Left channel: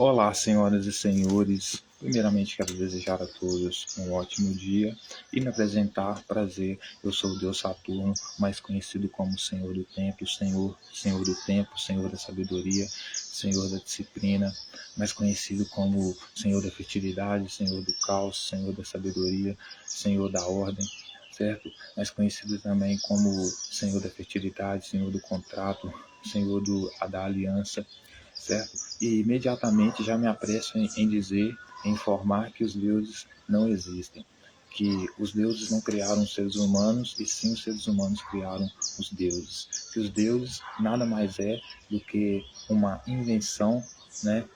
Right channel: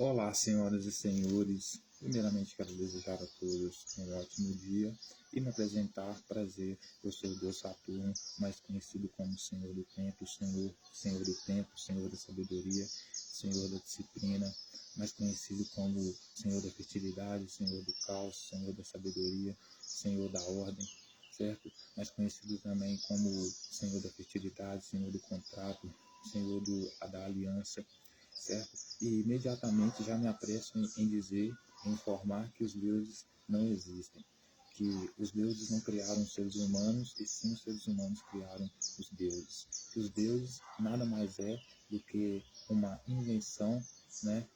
Olá, senhoras e senhores. Primeiramente, quero desejar a todos um ótimo dia e me apresentar. Prazer, eu sou o Deus Saturno, mais conhecido como Senhor do Tempo, Senhor do Tempo, Senhor da Sabedoria, Senhor da Disciplina, mais conhecido como Senhor da Fertilidade, Senhor do Caos, Senhor da Sabedoria, Senhor da Ordem, certo? Mais conhecido também como Senhor da Fertilidade, Senhor do Contrato, Senhor da Aliança, certo? E imediatamente já me apresso em dizer, em informar que os deuses não existem, que os deuses não criaram os seres humanos, e sim os seres humanos criaram os deuses, que os deuses nada mais é do que uma invenção, né,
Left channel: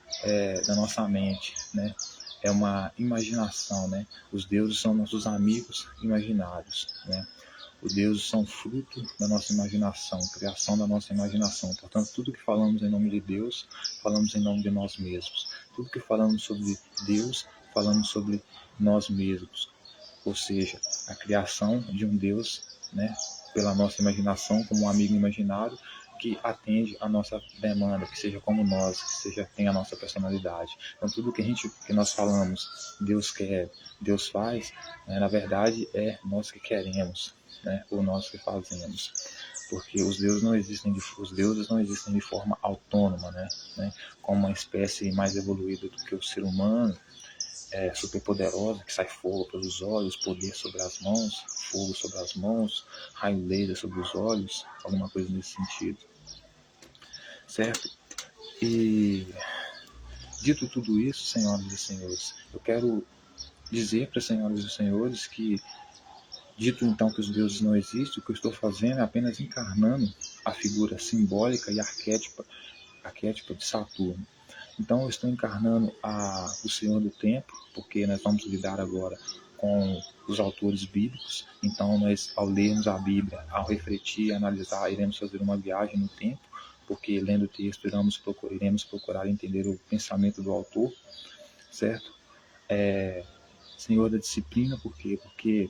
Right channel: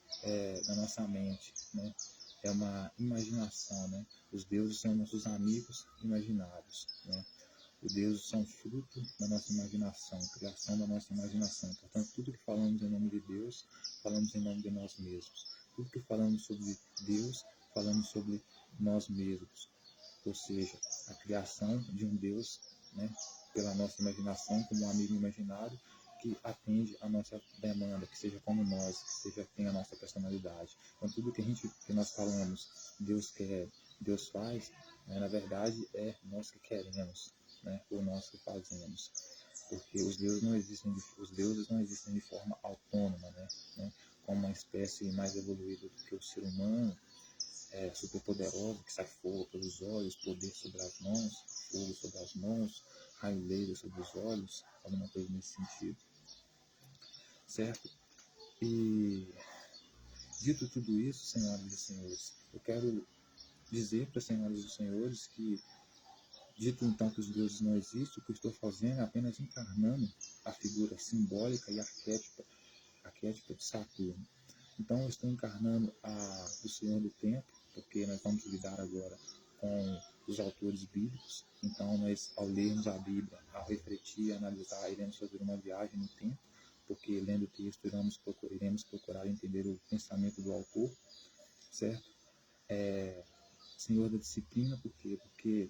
da nossa mente, né? É uma imaginação, né? Os deuses são nossos amigos imaginários, né? Os deuses são fruto da nossa imaginação, criação da nossa imaginação. Portanto, tudo que falamos em nome de Deus, falamos em nome de nós mesmos. Tudo que falamos sobre Deus, falamos sobre nós mesmos. Ou seja, a criação de um Deus, né, pela nossa imaginação, como um amigo imaginário, que atende a nossa demanda, que seja como nós, que seja tenha a nossa personalidade. Então, tudo que nós falamos, Deus quer, Deus faz, né, na verdade é nós que queremos, né, ou nós que fazemos, porque os deuses não existem de forma autônoma, né, como uma espécie mais evoluída do que o ser humano, superpoderosa, que sai fogo pelos olhos, poder sobre as mãos, fogo sobre as mãos, raio laser sobre os olhos, alguma coisa nesse sentido, certo? E dito tudo isso, senhoras e senhores, eu quero dizer para as senhoras e senhores que, dito então que os deuses não existem, o que eu estou fazendo é apenas encarnando a figura simbólica e arquétipa de Saturno. Então eu estou encarnando o Senhor do Tempo, porque nós vamos lidar agora com os autores bíblicos. Então nós, ao lermos a Bíblia, ao refletir, analisar, iremos fazer uma viagem no tempo, porque lendo o texto iremos procurar entender o pensamento do autor, certo? Senhor da Disciplina, por quê? Porque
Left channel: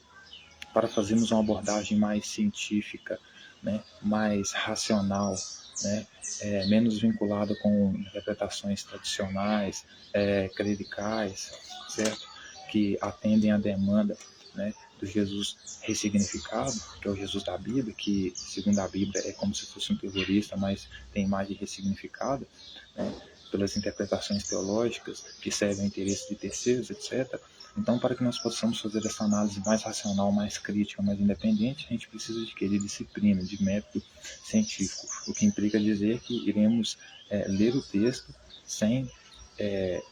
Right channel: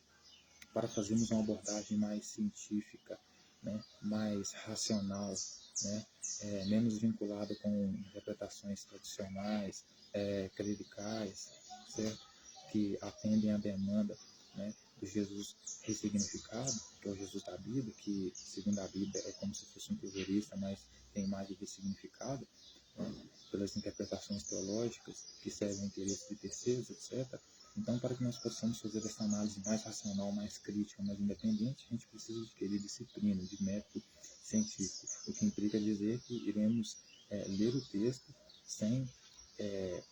para fazermos uma abordagem mais científica, né, mais racional, né, menos vinculada com interpretações tradicionais, clericais, certo? Que atendem à demanda, né, do Jesus ressignificado, que é o Jesus da Bíblia, que, segundo a Bíblia, é como se fosse um terrorista, mas tem imagem ressignificada, né, pelas interpretações teológicas que servem ao interesse de terceiros, etc. Então, para que nós possamos fazer essa análise mais racional, mais crítica, mais independente, a gente precisa adquirir disciplina, de método científico, o que implica dizer que iremos ler o texto sem,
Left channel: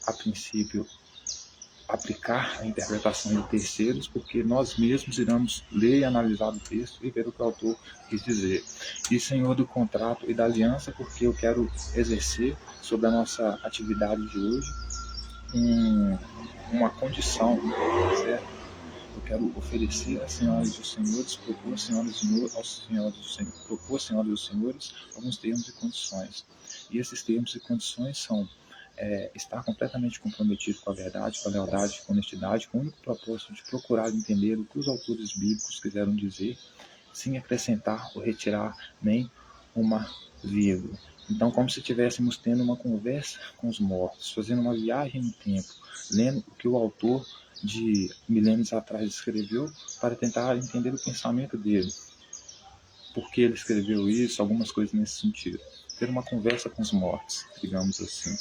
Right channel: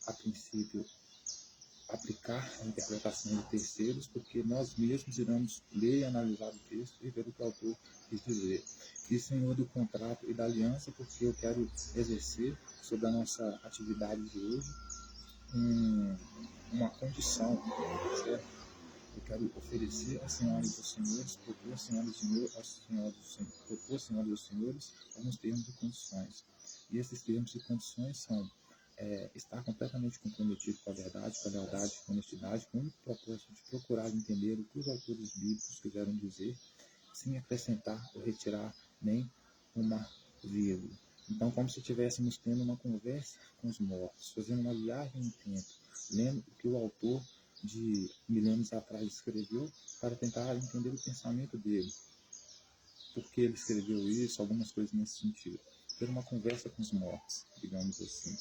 a princípio, aplicar a interpretação de terceiros, porque nós mesmos iremos ler e analisar o texto e ver o que o autor quis dizer. E Senhor do contrato e da aliança, porque eu quero exercer sobre a nossa atividade de hoje uma condição, certo? Eu quero oferecer às senhoras e aos senhores, propor às senhoras e aos senhores alguns termos e condições. E esses termos e condições são estar completamente comprometido com a verdade, com a lealdade, com a honestidade, com o único propósito de procurar entender o que os autores bíblicos quiseram dizer, sem acrescentar ou retirar nem uma vírgula. Então, como se estivéssemos tendo uma conversa com os mortos, fazendo uma viagem no tempo, lendo o que o autor de milênios atrás escreveu, para tentar entender o pensamento dele, por que ele escreveu isso, algumas coisas nesse sentido. Ter uma conversa com os mortos, digamos assim,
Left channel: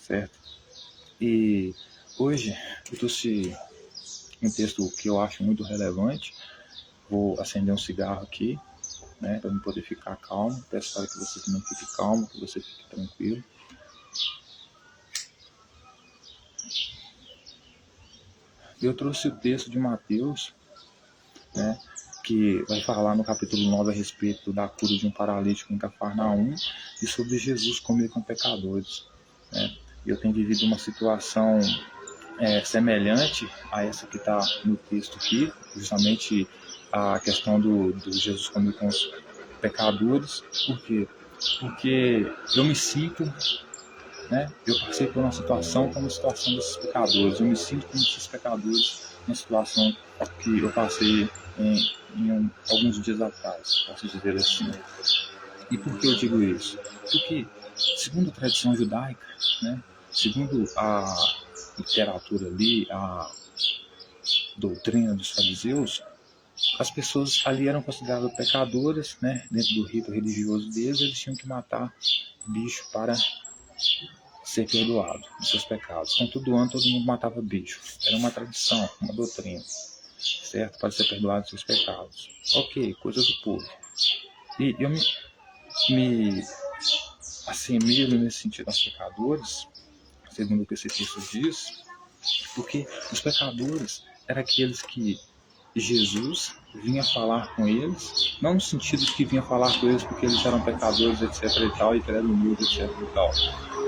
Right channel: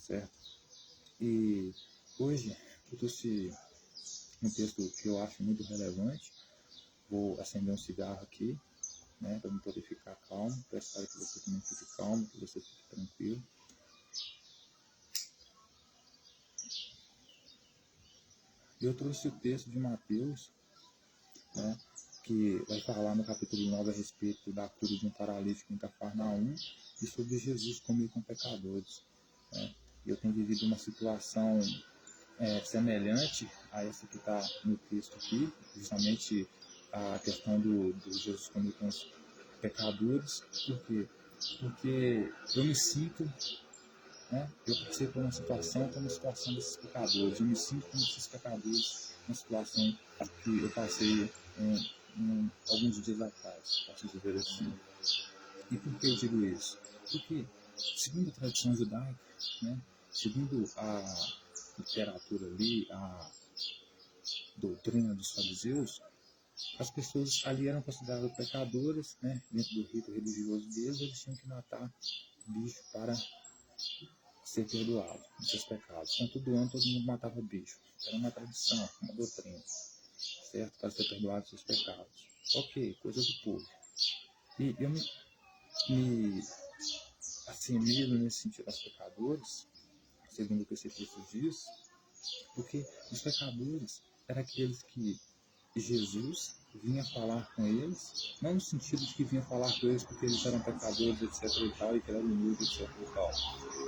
certo? E hoje eu trouxe um texto que eu acho muito relevante. Vou acender um cigarro aqui, né, para eu poder ficar calmo. Peço para que você também fique calmo, que você fique tranquilo. Eu trouxe o texto de Mateus, né, que vai falar no capítulo 9 a respeito da cura de um paralítico em Cafarnaum e sobre Jesus comer com pecadores, né? Eu tenho vivido uma situação semelhante a essa que está no texto aqui, justamente a questão do Jesus comer com os pecadores. Por quê? Porque eu me sinto, né? Eu passei por uma situação como a situação desses pecadores. Eu me sinto como esses pecadores na situação que eu passei alguns dias atrás, posso dizer assim. E por que eu digo isso? Porque, segundo a tradição judaica, né, segundo a literatura ali, a doutrina dos fariseus, as pessoas ali eram consideradas pecadoras, né? Dentro do rito religioso deles, eles tinham que matar bicho para ser perdoado dos seus pecados. Então, todo ano todo mundo matava bicho. Era uma tradição, uma doutrina, certo? Para ser perdoado dos seus pecados. Ok, coisa do povo. E eu me assemelho nesse sentido aos pecadores, segundo o que esse texto diz, porque os pecadores eram aqueles que Jesus vinha falar com eles, não no sentido de que vinha falar com eles porque eles eram pecadores, etc e tal, e que ele era humilde, etc e tal,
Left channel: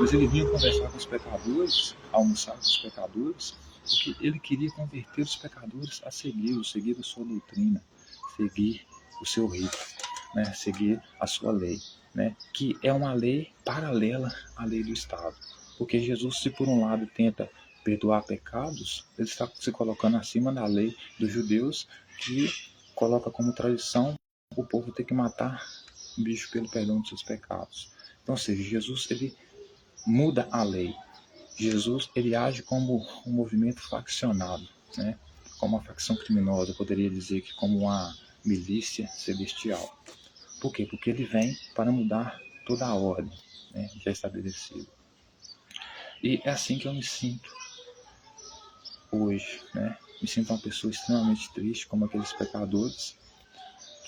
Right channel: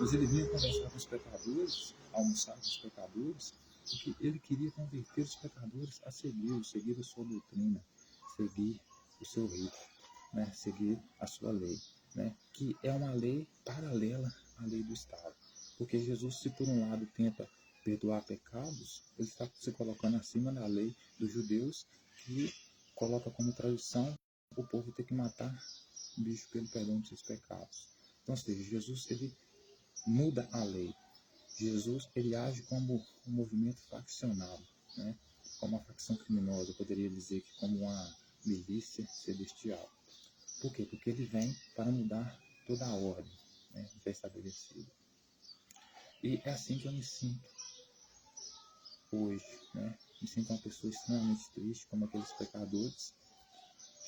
mas ele vinha conversar com os pecadores, almoçar com os pecadores, porque ele queria converter os pecadores a seguir a sua doutrina, seguir o seu rito, né? Seguir a sua lei, né? Que é uma lei paralela à lei do Estado. Porque Jesus, se por um lado tenta perdoar pecados, ele está se colocando acima da lei dos judeus, que coloca como tradição o povo ter que matar um bicho pelo perdão dos seus pecados. Então, ou seja, Jesus ele muda a lei. Jesus ele age como um movimento faccionado, né? Como uma facção criminosa, eu poderia dizer que como uma milícia celestial. Por quê? Porque ele vem para mudar toda a ordem, né, já estabelecida. E é assim que eu me sinto hoje, né? Me sinto uma pessoa extremamente triste, como aqueles pecadores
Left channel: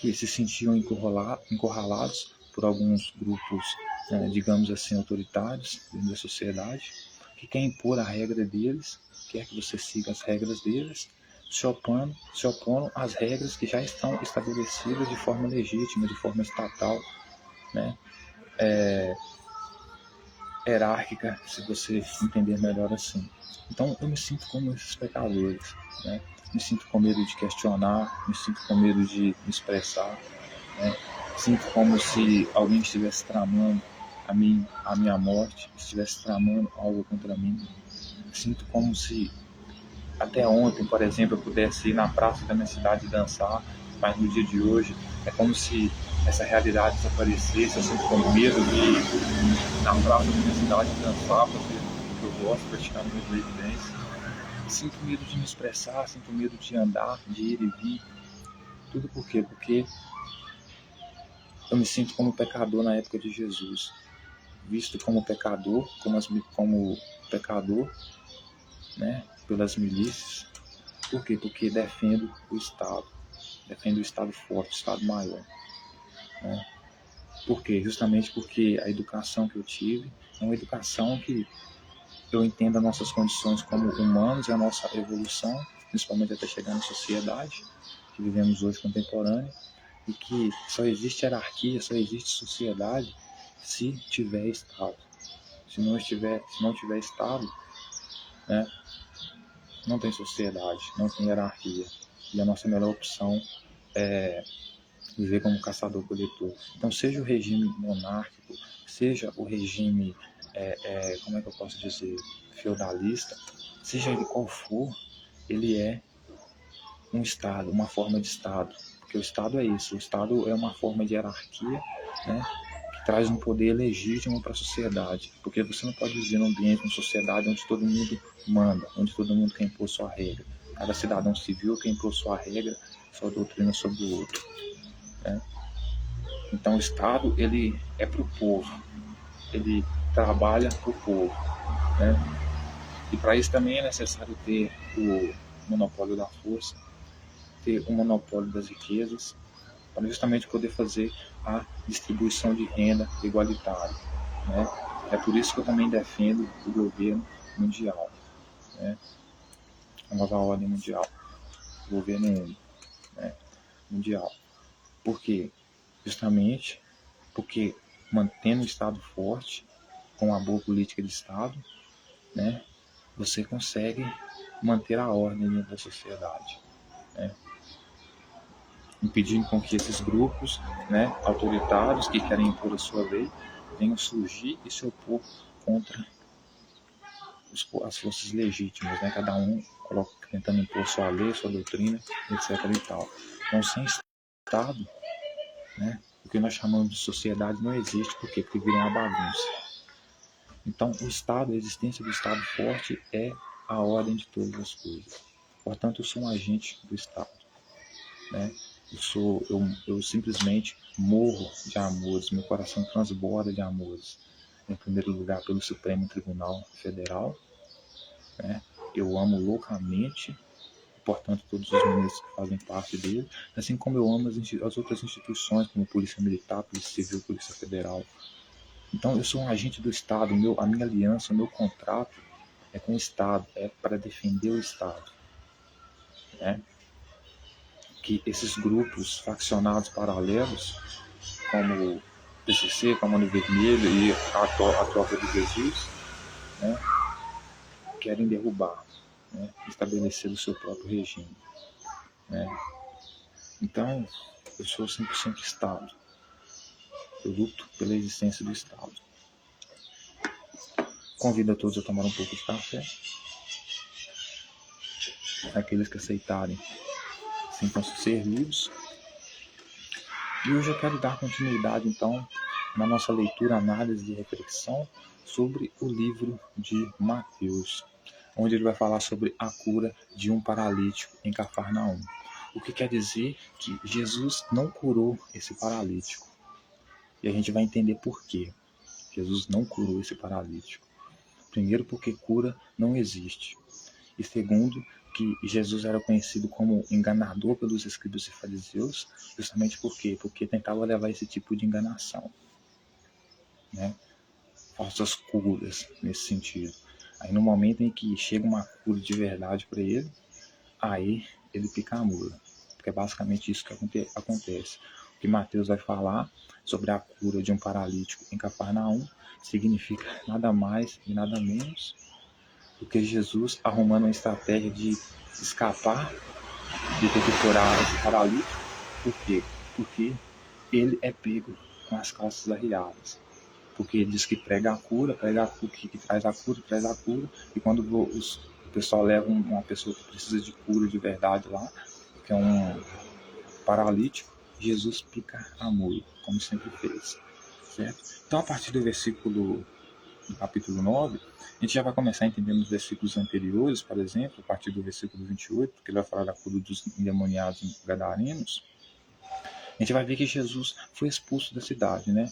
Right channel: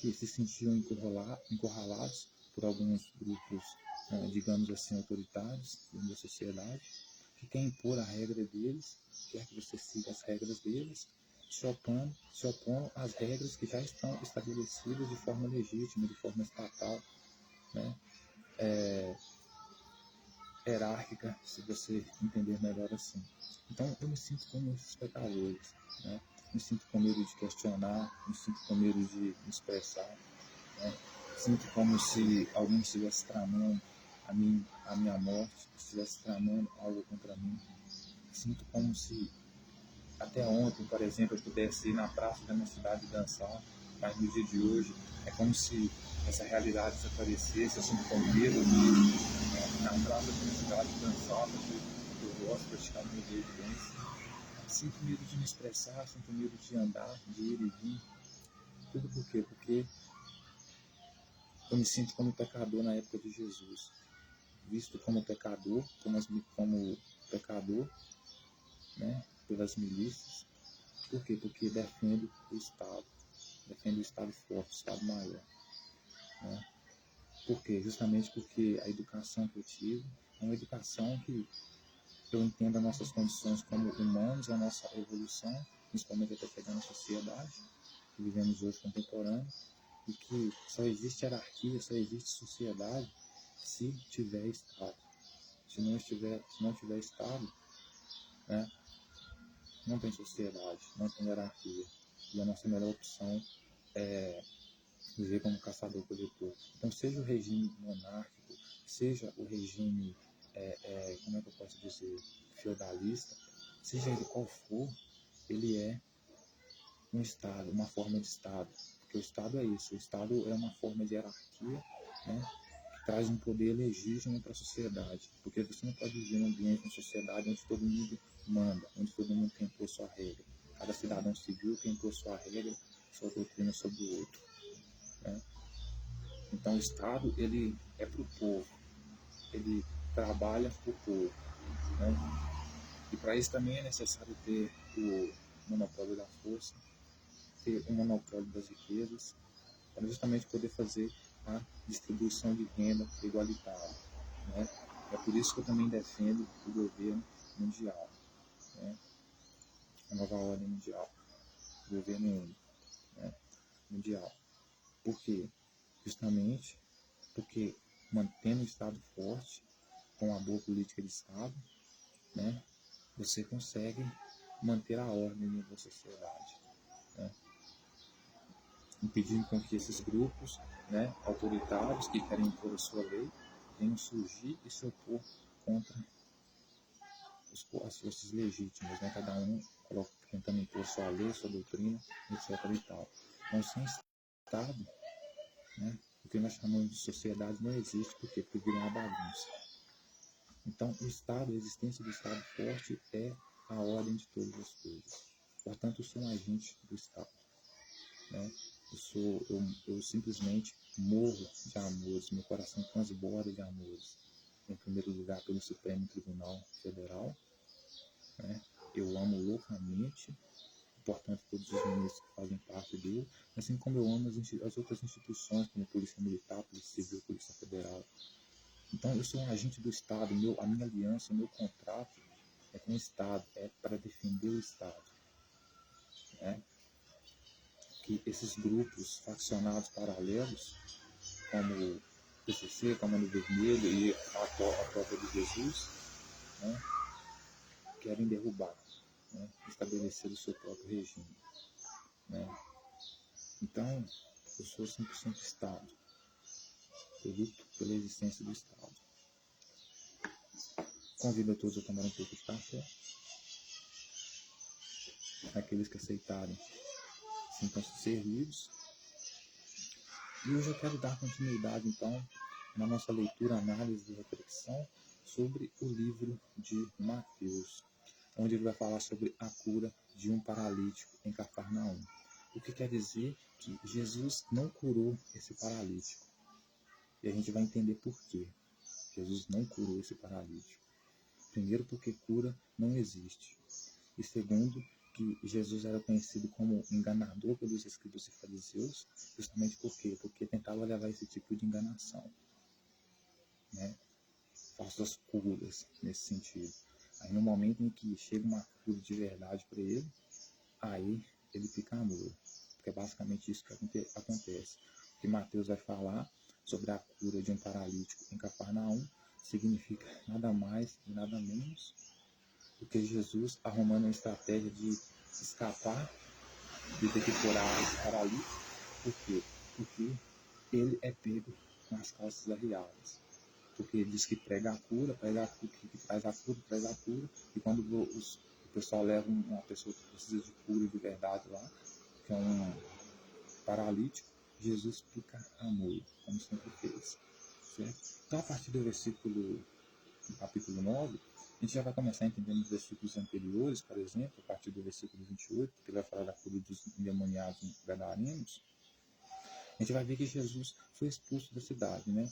que se sentiam encurralados por alguns grupos, né, digamos assim, autoritários dentro da sociedade, que quer impor a regra deles, quer que você siga as regras deles, se opondo às regras que já estão estabelecidas de forma legítima, de forma estatal, né? Hierárquica, se você entender melhor assim. Então eu me sinto como esses pecadores, né? Me sinto com medo de questionar, me sinto com medo de me expressar, né? Sinto como se alguém estivesse tramando a minha morte, estivesse tramando algo contra mim. Sinto como se até ontem, por exemplo, eu pudesse ir na praça da minha cidade dançar, mas no dia de hoje é como se essa realidade desaparecesse. Eu sinto com medo de ir na praça da minha cidade dançar, fazer o que eu gosto, praticar minha breakdance. Sinto medo de me expressar, sinto medo de andar, de ir e vir. Tudo por quê? Porque eu me sinto como pecador na época de Jesus, visto como pecador, como pecador, né, pelas milícias. Por quê? Porque defendo o Estado forte, o Estado maior. Né? Por quê? Justamente porque a educação que eu tive é uma educação que eu entendo as nossas condições como humanos e a nossa evolução, principalmente até chegar na sociedade que vivemos hoje contemporânea, e que só existe hierarquia, só existe sociedade se tiver Estado. Se não tiver Estado, né, não tem sociedade, não tem hierarquia. E a nossa melhor opção é viver como caçador-coletor. Então, seja o regime monárquico, seja o regime, como é que eu posso dizer, feudalista, seja ele qual for, ele é um Estado, uma forma de Estado. Porque o Estado é isso, o Estado é uma forma de hierarquia, né, que traz um poder legítimo para a sociedade. Porque você não pode viver num ambiente, numa sociedade onde todo mundo manda, onde todo mundo quer impor sua regra. Cada cidadão civil quer impor sua regra, sua doutrina sobre o outro. Né? Então o Estado ele é para o povo, ele trabalha para o povo, né? E para isso também é necessário ter o monopólio da força, ter o monopólio das riquezas, para justamente poder fazer a distribuição de renda igualitária, né? É por isso que eu também defendo o governo mundial, né? A nova ordem mundial, o governo único, né? Mundial. Por quê? Justamente porque mantendo o Estado forte, com uma boa política de Estado, né, você consegue manter a ordem dentro da sociedade, né, impedindo com que esses grupos, né, autoritários que querem impor a sua lei venham surgir e se opor contra as forças legítimas, né, cada um tentando impor sua lei, sua doutrina, etc. e tal. Então, sem Estado, né, o que nós chamamos de sociedade não existe, por quê? Porque vira uma bagunça. Então, o Estado, a existência do Estado forte é a ordem de todas as coisas. Portanto, eu sou um agente do Estado, né? Eu simplesmente morro de amores, meu coração transborda de amores. Em primeiro lugar, pelo Supremo Tribunal Federal, né? Eu amo loucamente, portanto, todos os ministros que fazem parte dele, assim como eu amo as outras instituições, como Polícia Militar, Polícia Civil, Polícia Federal. Então, eu sou um agente do Estado, a minha aliança, o meu contrato é com o Estado, é para defender o Estado, né? Que esses grupos faccionados paralelos, como o PCC, Comando Vermelho e a Tropa de Jesus, né, querem derrubar, né, estabelecer o seu próprio regime, né? Então, eu sou 100% Estado. Eu luto pela existência do Estado. Convido a todos a tomar um pouco de café. Aqueles que aceitarem, sintam-se servidos. E hoje eu quero dar continuidade, então, na nossa leitura, análise e reflexão sobre o livro de Mateus, onde ele vai falar sobre a cura de um paralítico em Cafarnaum. O que quer dizer que Jesus não curou esse paralítico. E a gente vai entender por quê. Jesus não curou esse paralítico. Primeiro, porque cura não existe. E segundo, que Jesus era conhecido como enganador pelos escribas e fariseus, justamente por quê? Porque tentava levar esse tipo de enganação, né? Falsas curas nesse sentido. Aí no momento em que chega uma cura de verdade para ele, aí ele pica a mula. Porque é basicamente isso que acontece. O que Mateus vai falar sobre a cura de um paralítico em Cafarnaum significa nada mais e nada menos do que Jesus arrumando uma estratégia de escapar de ter que curar esse paralítico. Por quê? Porque ele é pego com as calças arriadas. Porque ele diz que prega a cura, que traz a cura, traz a cura, e quando o pessoal leva uma pessoa que precisa de cura de verdade lá, que é um paralítico, Jesus pica a mula, como sempre fez, certo? Então, a partir do capítulo 9, a gente já vai começar a entender nos versículos anteriores, por exemplo, a partir do versículo 28, que ele vai falar da cura dos endemoniados gadarenos, a gente vai ver que Jesus foi expulso da cidade, né?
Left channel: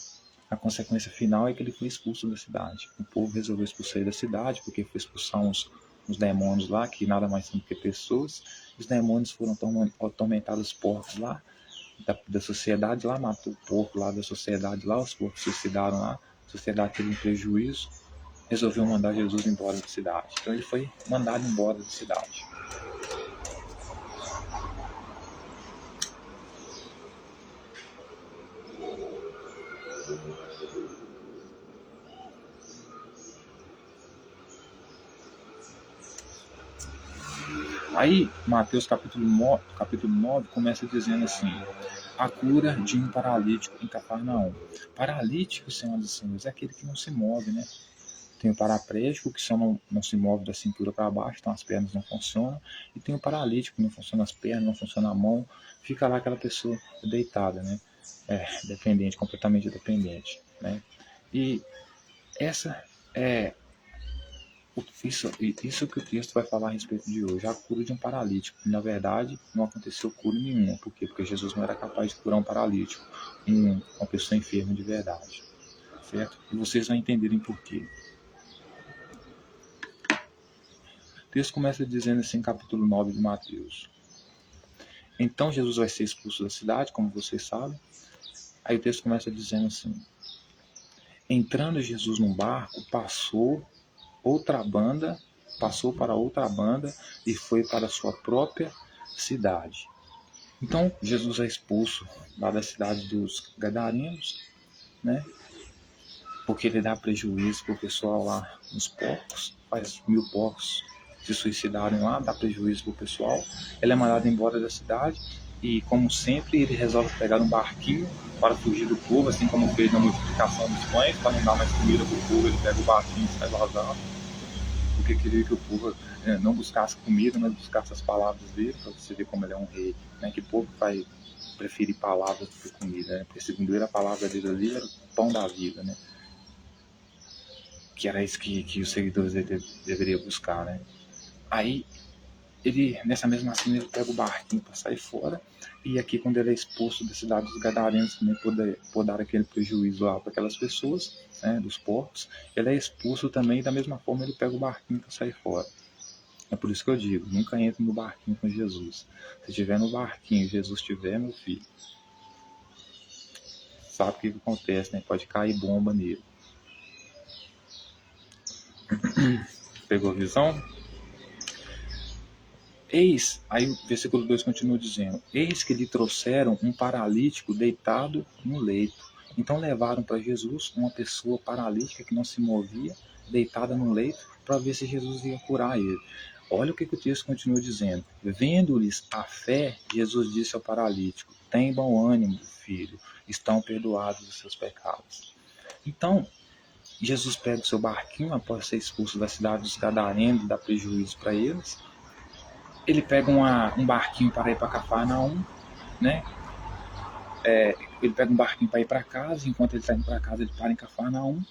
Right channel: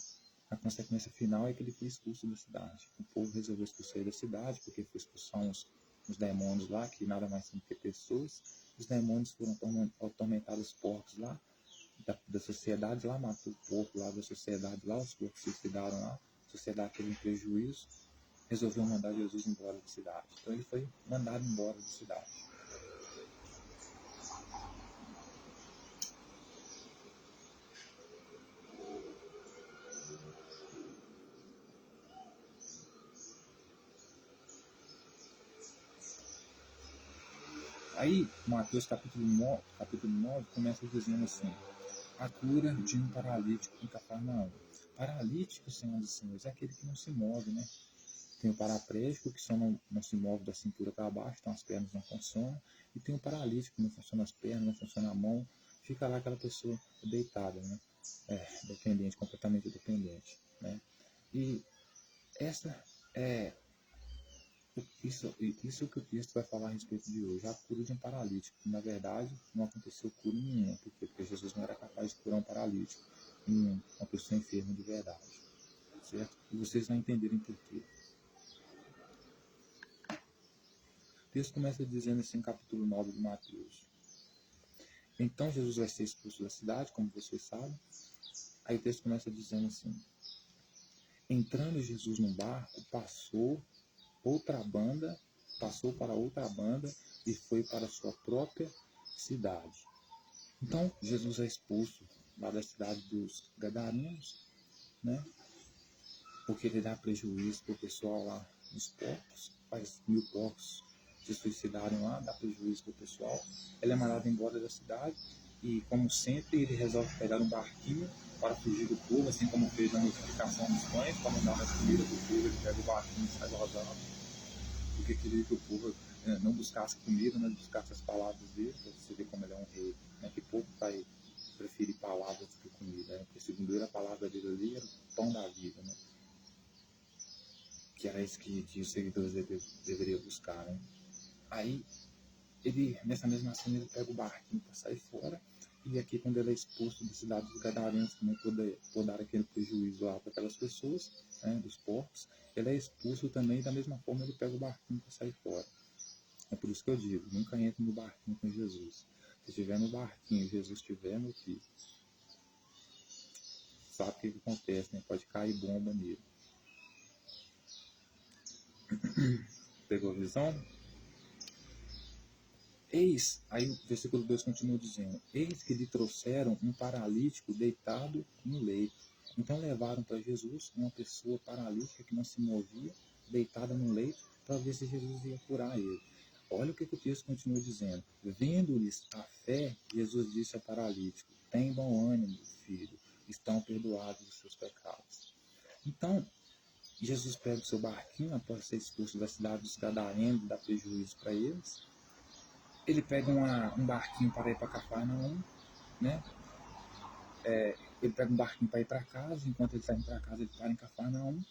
A consequência final é que ele foi expulso da cidade. O povo resolveu expulsar ele da cidade, porque foi expulsar uns demônios lá, que nada mais são do que pessoas. Os demônios foram atormentar os porcos lá, da sociedade lá, matou o porco lá da sociedade lá, os porcos se suicidaram lá, a sociedade teve um prejuízo, resolveu mandar Jesus embora da cidade. Então ele foi mandado embora da cidade. Aí, Mateus capítulo 9 começa dizendo assim: a cura de um paralítico em Cafarnaum. Paralítico, senhoras e senhores, é aquele que não se move, né? Tem o paraplégico, que só não se move da cintura para baixo, então as pernas não funcionam. E tem o paralítico, que não funciona as pernas, não funciona a mão, fica lá aquela pessoa deitada, né? Dependente, completamente dependente, né? E essa é isso que o texto vai falar a respeito de hoje, a cura de um paralítico. Na verdade, não aconteceu cura nenhuma. Por quê? Porque Jesus não era capaz de curar um paralítico, uma pessoa enferma de verdade. Certo? E vocês vão entenderem por quê. O texto começa dizendo assim, capítulo 9 de Mateus. Então Jesus vai ser expulso da cidade, como vocês sabem. Aí o texto começa dizendo assim: entrando Jesus num barco, passou para outra banda e foi para a sua própria cidade. Então Jesus é expulso lá da cidade dos Gadarenos, né? Porque ele dá prejuízo para o pessoal lá nos porcos, faz 1000 porcos se suicidarem lá, dá prejuízo para o pessoal. Ele é mandado embora da cidade e, como sempre, ele resolve pegar um barquinho para fugir do povo, assim como fez na multiplicação dos pães, para não dar mais comida para o povo, ele pega o barquinho e sai vazando, porque queria que o povo não buscasse comida, mas buscasse as palavras dele, para você ver como ele é um rei, né? Que povo vai preferir palavras do que comida, né? Porque segundo ele a palavra dele ali era o pão da vida, né? que era isso que os seguidores deveriam buscar, né? Aí, ele, nessa mesma cena, ele pega o barquinho para sair fora, e aqui, quando ele é expulso da cidade dos Gadarenos, também por dar aquele prejuízo lá para aquelas pessoas, né, dos porcos, ele é expulso também, e da mesma forma ele pega o barquinho para sair fora. É por isso que eu digo, nunca entre no barquinho com Jesus. Se estiver no barquinho e Jesus estiver, meu filho, sabe o que acontece, né? Pode cair bomba nele. Pegou a visão? Eis, aí o versículo 2 continua dizendo: Eis que lhe trouxeram um paralítico deitado no leito. Então levaram para Jesus uma pessoa paralítica que não se movia, deitada no leito, para ver se Jesus ia curar ele. Olha o que o texto continua dizendo. Vendo-lhes a fé, Jesus disse ao paralítico: Tem bom ânimo, filho, estão perdoados os seus pecados. Então, Jesus pega o seu barquinho após ser expulso da cidade dos Gadarenos, dá prejuízo para eles. Ele pega um barquinho para ir para Cafarnaum, né? Ele pega um barquinho para ir para casa, enquanto ele está indo para casa, ele para em Cafarnaum.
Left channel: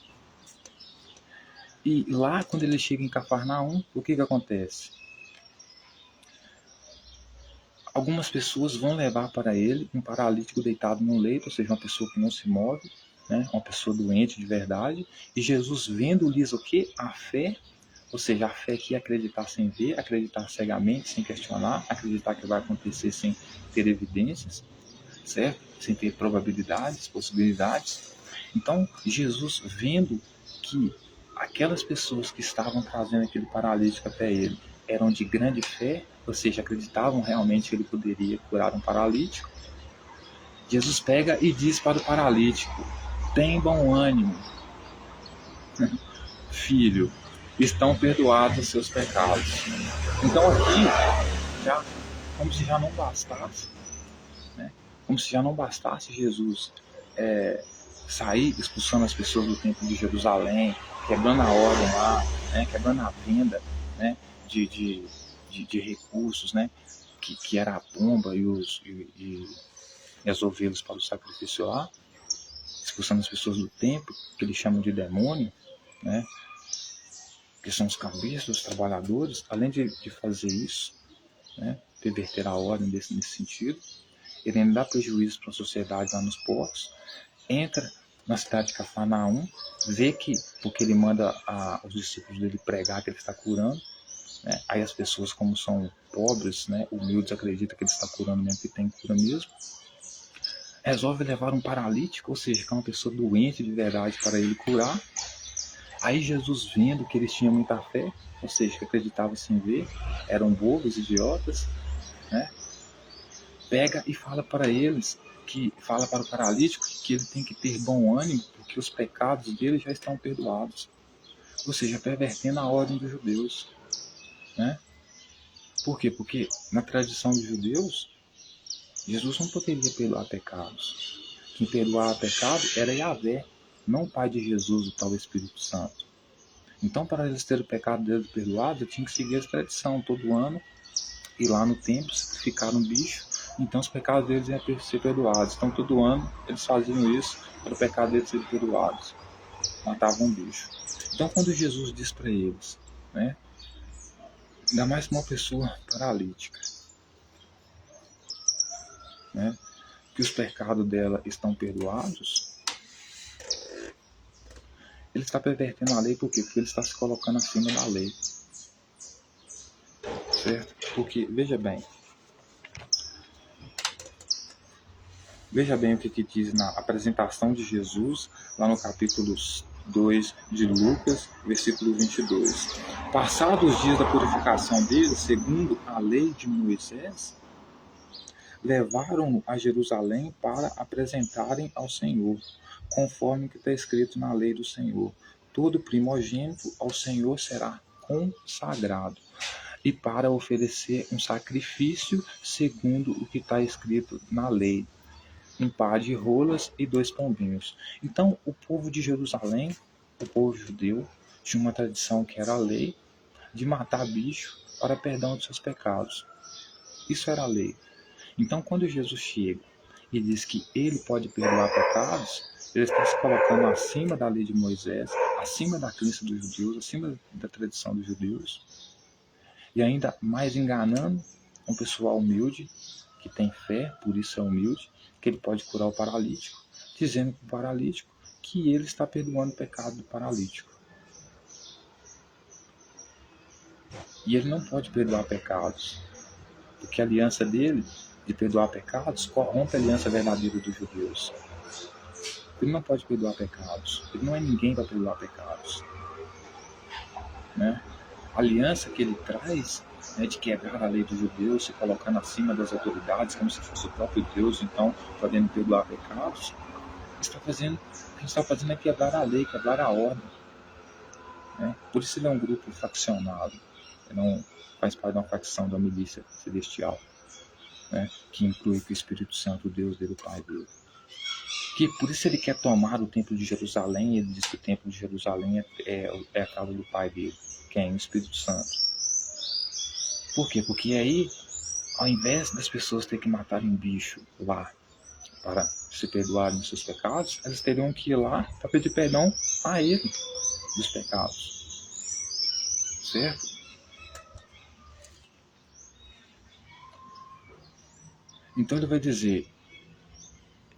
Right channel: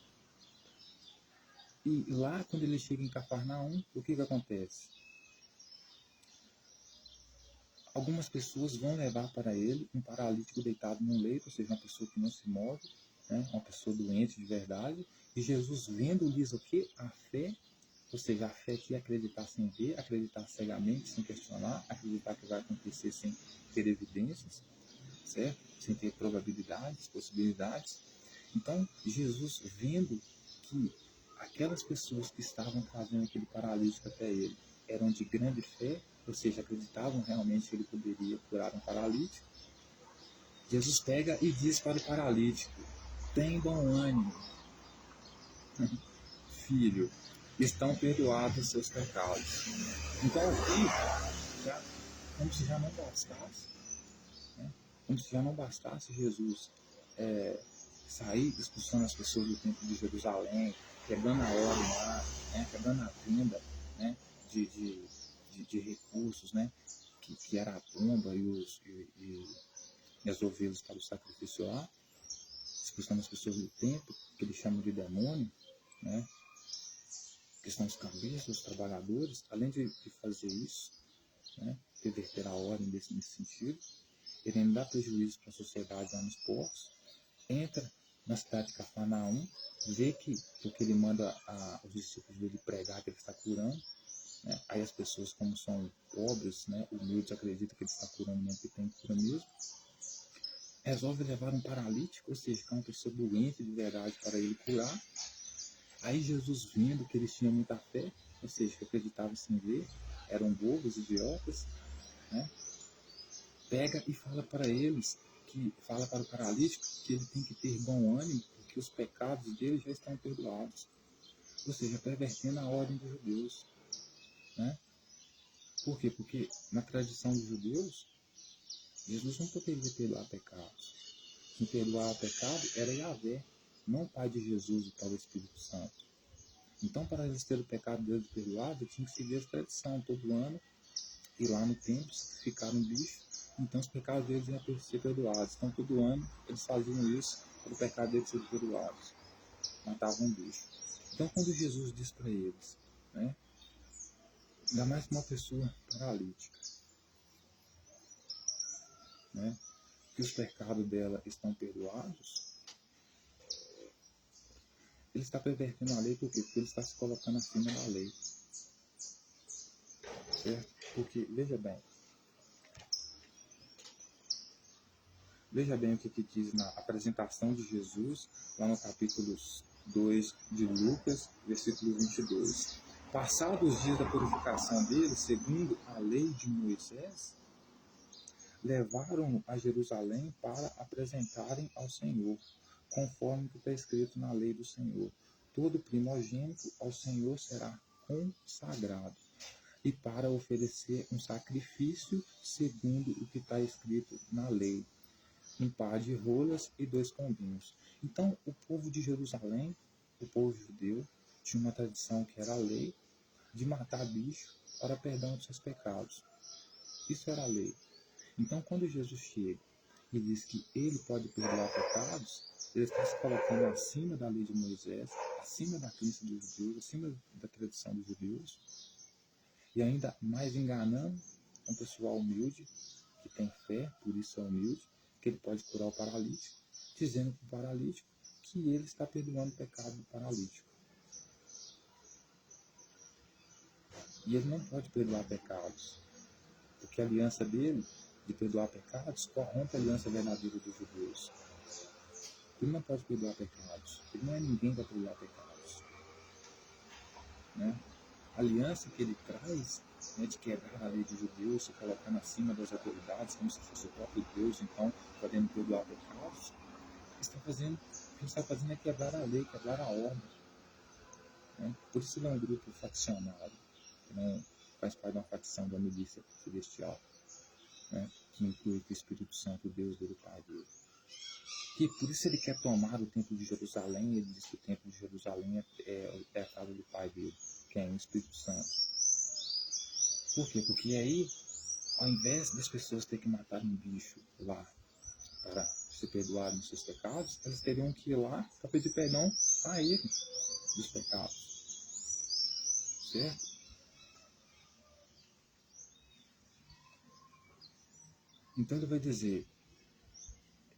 E lá, quando ele chega em Cafarnaum, o que acontece? Algumas pessoas vão levar para ele um paralítico deitado no leito, ou seja, uma pessoa que não se move, né? Uma pessoa doente de verdade. E Jesus, vendo-lhes o que? A fé, ou seja, a fé que é acreditar sem ver, acreditar cegamente, sem questionar, acreditar que vai acontecer sem ter evidências, certo? Sem ter probabilidades, possibilidades. Então, Jesus, vendo que aquelas pessoas que estavam trazendo aquele paralítico até ele eram de grande fé, ou seja, acreditavam realmente que ele poderia curar um paralítico, Jesus pega e diz para o paralítico: Tem bom ânimo, filho, estão perdoados os seus pecados. Então aqui, já, como se já não bastasse, né? Como se já não bastasse Jesus sair expulsando as pessoas do templo de Jerusalém, quebrando a ordem lá, né? Quebrando a venda, né? de recursos, né? Que era a pomba e as ovelhas para o sacrifício lá, expulsando as pessoas do templo, que eles chamam de demônio, né? Que são os cabeças, os trabalhadores. Além de fazer isso, né? Perverter a ordem nesse sentido, ele ainda dá prejuízo para a sociedade lá nos portos, entra na cidade de Cafarnaum, vê que, porque ele manda os discípulos dele pregar que ele está curando, né? Aí as pessoas, como são pobres, né, humildes, acreditam que ele está curando mesmo, que tem cura mesmo, resolve levar um paralítico, ou seja, que é uma pessoa doente de verdade, para ele curar. Aí Jesus, vendo que eles tinham muita fé, ou seja, que acreditavam sem ver, eram bobos, idiotas, né, pega e fala para eles, que fala para o paralítico que ele tem que ter bom ânimo, porque os pecados dele já estão perdoados. Ou seja, pervertendo a ordem dos judeus, né? Por quê? Porque na tradição dos judeus, Jesus não poderia perdoar pecados. Quem perdoava pecado era Yahvé, não o Pai de Jesus, o tal Espírito Santo. Então, para eles terem o pecado deles perdoado, eu tinha que seguir essa tradição todo ano, ir lá no templo, sacrificar um bicho, então os pecados deles iam ser perdoados. Então, todo ano eles faziam isso para o pecado deles ser perdoados. Matavam um bicho. Então, quando Jesus diz para eles, né, ainda mais uma pessoa paralítica, né, que os pecados dela estão perdoados, ele está pervertendo a lei. Por quê? Porque ele está se colocando acima da lei, certo? Porque, veja bem o que diz na apresentação de Jesus, lá no capítulo 2 de Lucas, versículo 22. Passados os dias da purificação dele, segundo a lei de Moisés, levaram-no a Jerusalém para apresentarem ao Senhor, conforme que está escrito na lei do Senhor. Todo primogênito ao Senhor será consagrado, e para oferecer um sacrifício segundo o que está escrito na lei, um par de rolas e 2 pombinhos. Então, o povo de Jerusalém, o povo judeu, tinha uma tradição que era a lei de matar bicho para perdão de seus pecados. Isso era a lei. Então, quando Jesus chega e diz que ele pode perdoar pecados, Ele está se colocando acima da lei de Moisés, acima da crença dos judeus, acima da tradição dos judeus, e ainda mais enganando um pessoal humilde, que tem fé, por isso é humilde, que ele pode curar o paralítico, dizendo para o paralítico que ele está perdoando o pecado do paralítico. E ele não pode perdoar pecados, porque a aliança dele de perdoar pecados corrompe a aliança verdadeira dos judeus. Ele não pode perdoar pecados. Ele não é ninguém para perdoar pecados. Né? A aliança que ele traz, né, de quebrar a lei dos judeus, se colocando acima das autoridades, como se fosse o próprio Deus, então, podendo perdoar pecados, o que está fazendo é quebrar a lei, quebrar a ordem. Né? Por isso ele é um grupo faccionado. Ele não faz parte de uma facção da milícia celestial, né, que inclui que o Espírito Santo, o Deus dele, o Pai dele. Que por isso ele quer tomar o templo de Jerusalém. Ele diz que o templo de Jerusalém é a casa do Pai dele, que é o Espírito Santo. Por quê? Porque aí, ao invés das pessoas terem que matar um bicho lá para se perdoarem dos seus pecados, elas teriam que ir lá para pedir perdão a ele dos pecados. Certo? Então ele vai dizer:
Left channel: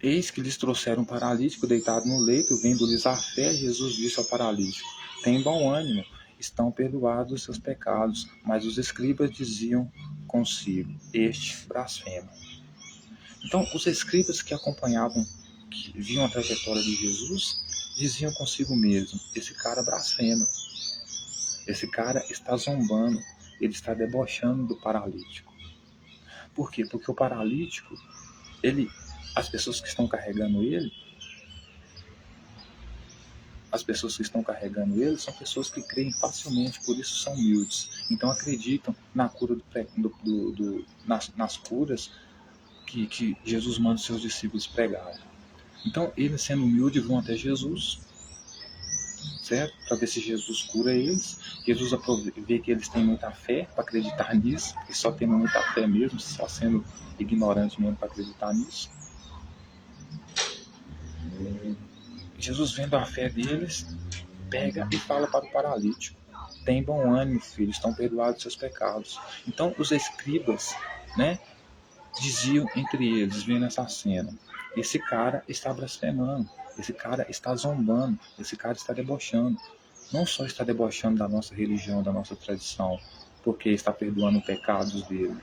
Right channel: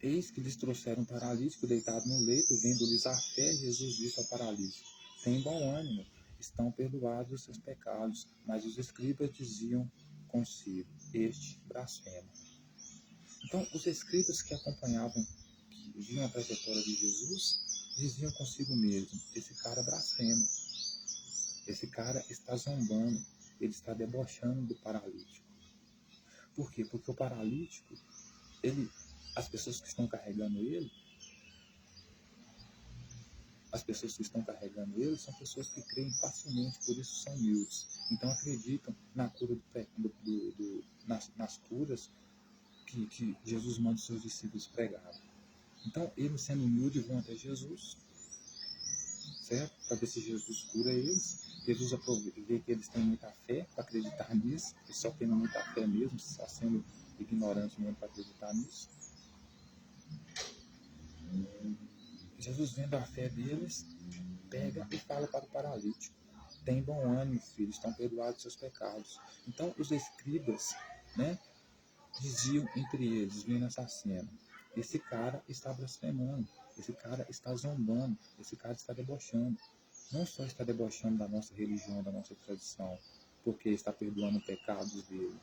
eis que lhes trouxeram um paralítico deitado no leito, vendo-lhes a fé, Jesus disse ao paralítico: tem bom ânimo, estão perdoados os seus pecados. Mas os escribas diziam consigo: este blasfema. Então os escribas que acompanhavam, que viam a trajetória de Jesus, diziam consigo mesmo: esse cara blasfema, esse cara está zombando, ele está debochando do paralítico. Por quê? Porque o paralítico, as pessoas que estão carregando ele, são pessoas que creem facilmente, por isso são humildes. Então acreditam na cura nas curas que Jesus manda os seus discípulos pregarem. Então eles, sendo humildes, vão até Jesus, certo? Para ver se Jesus cura eles. Jesus vê que eles têm muita fé para acreditar nisso, e só tendo muita fé mesmo, só sendo ignorante mesmo para acreditar nisso. Jesus, vendo a fé deles, pega e fala para o paralítico: tem bom ânimo, filho, estão perdoados seus pecados. Então os escribas, né, diziam entre eles, vendo essa cena: esse cara está blasfemando, esse cara está zombando, esse cara está debochando. Não só está debochando da nossa religião, da nossa tradição, porque está perdoando pecados dele,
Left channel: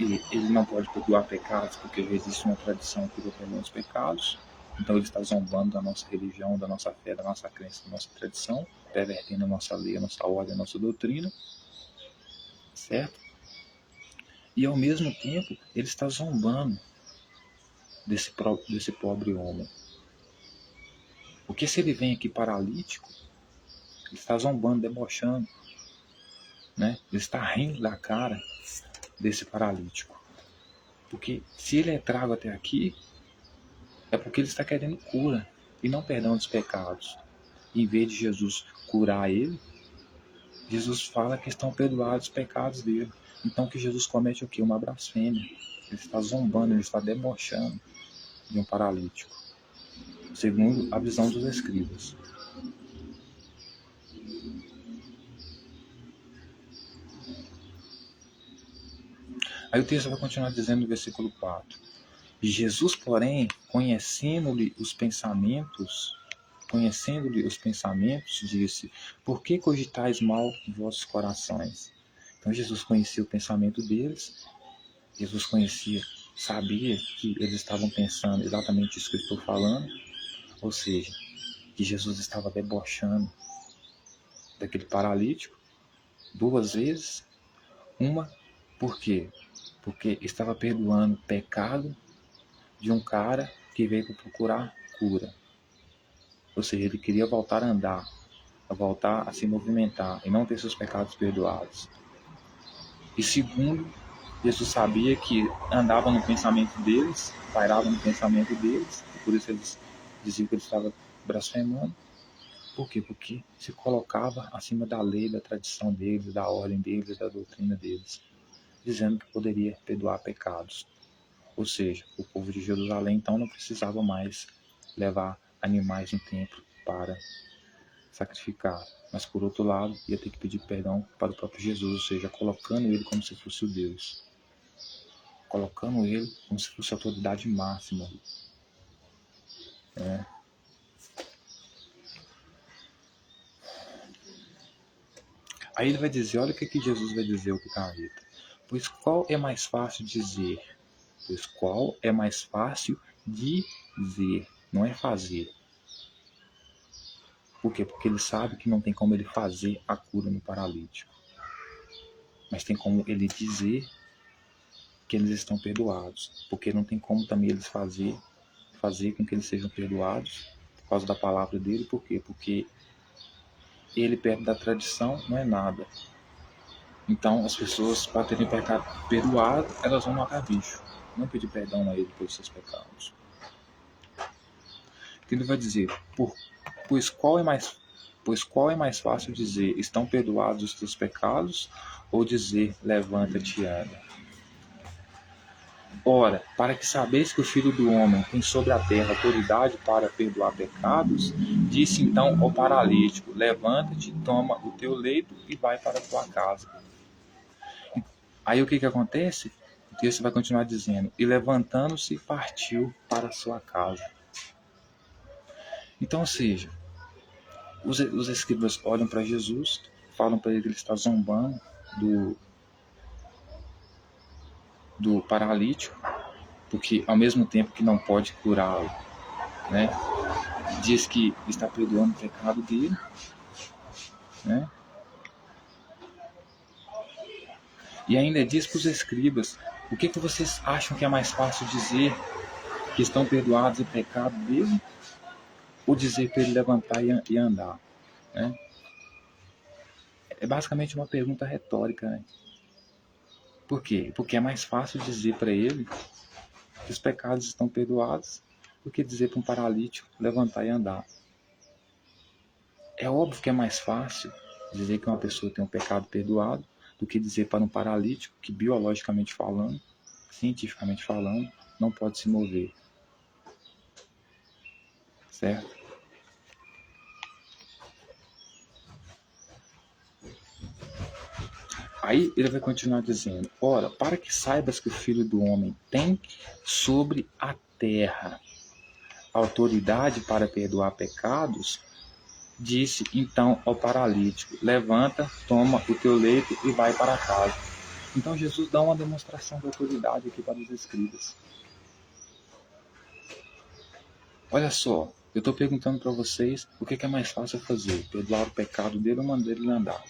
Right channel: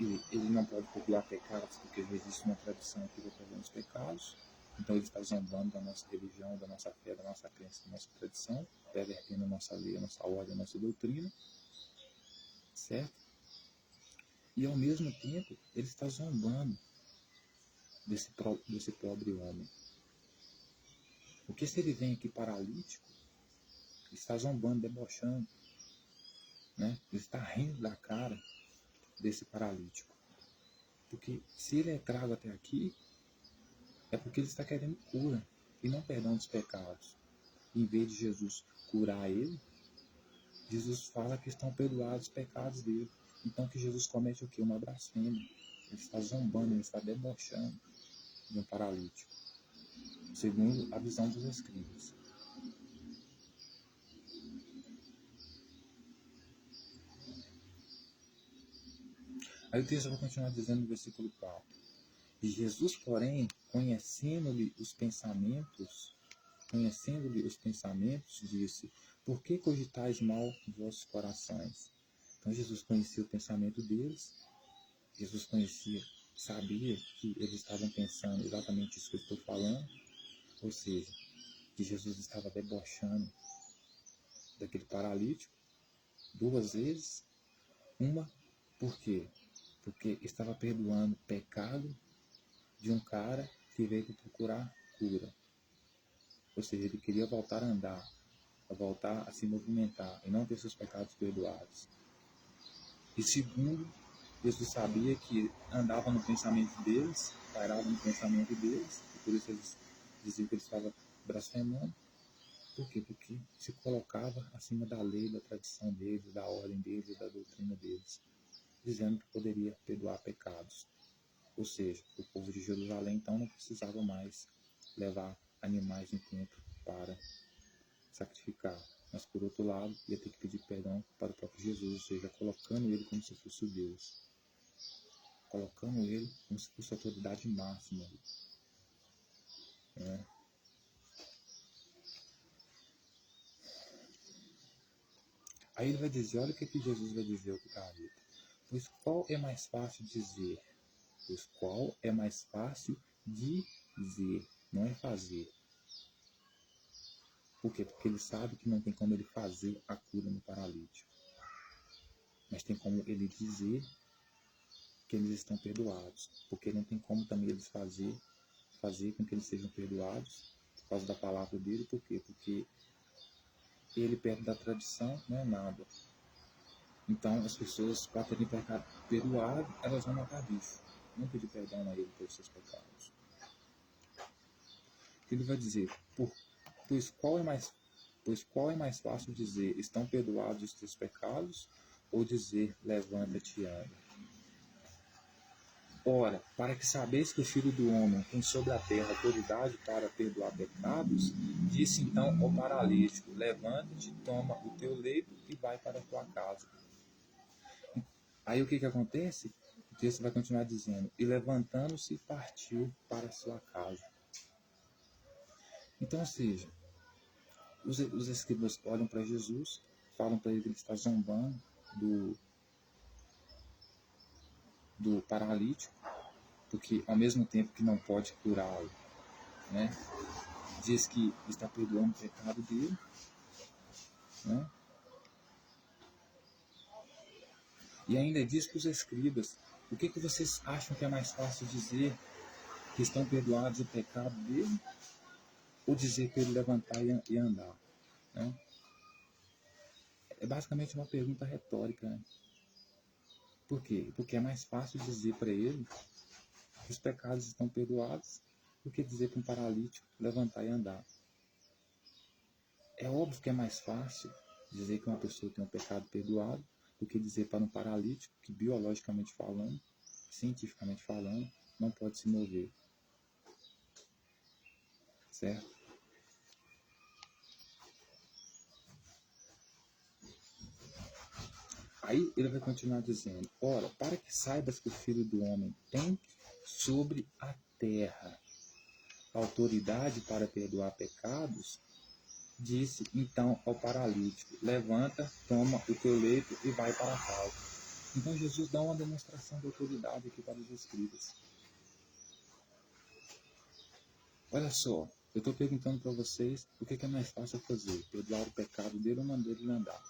e ele não pode perdoar pecados porque existe uma tradição que perdoa os pecados. Então ele está zombando da nossa religião, da nossa fé, da nossa crença, da nossa tradição, pervertendo a nossa lei, a nossa ordem, a nossa doutrina, certo? E ao mesmo tempo ele está zombando desse pobre homem. Porque se ele vem aqui paralítico, ele está zombando, debochando, né? Ele está rindo da cara desse paralítico. Porque se ele é trago até aqui, é porque ele está querendo cura e não perdão dos pecados. Em vez de Jesus curar ele, Jesus fala que estão perdoados os pecados dele. Então que Jesus comete o quê? Uma blasfêmia. Ele está zombando, ele está debochando de um paralítico, segundo a visão dos escribas. Aí o texto vai continuar dizendo no versículo 4: Jesus, porém, conhecendo-lhe os pensamentos, disse: por que cogitais mal em vossos corações? Então Jesus conhecia o pensamento deles, Jesus sabia que eles estavam pensando exatamente isso que eu estou falando, ou seja, que Jesus estava debochando daquele paralítico 2 vezes. Uma, por quê? Porque estava perdoando pecado de um cara que veio para procurar cura. Ou seja, ele queria voltar a andar, a voltar a se movimentar e não ter seus pecados perdoados. E segundo, Jesus sabia que andava no pensamento deles, pairava no pensamento deles, e por isso eles diziam que ele estava blasfemando. Por quê? Porque se colocava acima da lei, da tradição deles, da ordem deles, da doutrina deles, dizendo que poderia perdoar pecados. Ou seja, o povo de Jerusalém então não precisava mais levar animais no templo para sacrificar. Mas, por outro lado, ia ter que pedir perdão para o próprio Jesus, ou seja, colocando ele como se fosse o Deus. Colocando ele como se fosse a autoridade máxima. Aí ele vai dizer, olha o que Jesus vai dizer ao picareta. Pois qual é mais fácil dizer? Pois qual é mais fácil dizer, não é fazer. Por quê? Porque ele sabe que não tem como ele fazer a cura no paralítico. Mas tem como ele dizer que eles estão perdoados. Porque não tem como também eles fazer com que eles sejam perdoados por causa da palavra dele. Por quê? Porque ele, perto da tradição, não é nada. Então, as pessoas, para terem pecado perdoado, elas vão matar bicho. Não pedir perdão a ele pelos seus pecados. Ele vai dizer, pois qual é mais fácil dizer, estão perdoados os teus pecados, ou dizer, levanta-te e anda? Ora, para que sabeis que o Filho do Homem tem sobre a terra autoridade para perdoar pecados, disse então ao paralítico, levanta-te, toma o teu leito e vai para a tua casa. Aí o que acontece? O texto vai continuar dizendo, e levantando-se partiu para a sua casa. Então, ou seja, os escribas olham para Jesus, falam para ele que ele está zombando do paralítico, porque ao mesmo tempo que não pode curá-lo, né, diz que está perdoando o pecado dele, né, e ainda diz para os escribas, o que vocês acham que é mais fácil dizer, que estão perdoados o pecado dele, ou dizer para ele levantar e andar, né? É basicamente uma pergunta retórica, né? Por quê? Porque é mais fácil dizer para ele que os pecados estão perdoados do que dizer para um paralítico levantar e andar. É óbvio que é mais fácil dizer que uma pessoa tem um pecado perdoado do que dizer para um paralítico que, biologicamente falando, cientificamente falando, não pode se mover. Certo? Aí ele vai continuar dizendo, ora, para que saibas que o Filho do Homem tem sobre a terra autoridade para perdoar pecados, disse então ao paralítico, levanta, toma o teu leito e vai para casa. Então Jesus dá uma demonstração de autoridade aqui para os escribas. Olha só, eu estou perguntando para vocês o que é mais fácil fazer, perdoar o pecado dele ou mandar ele andar.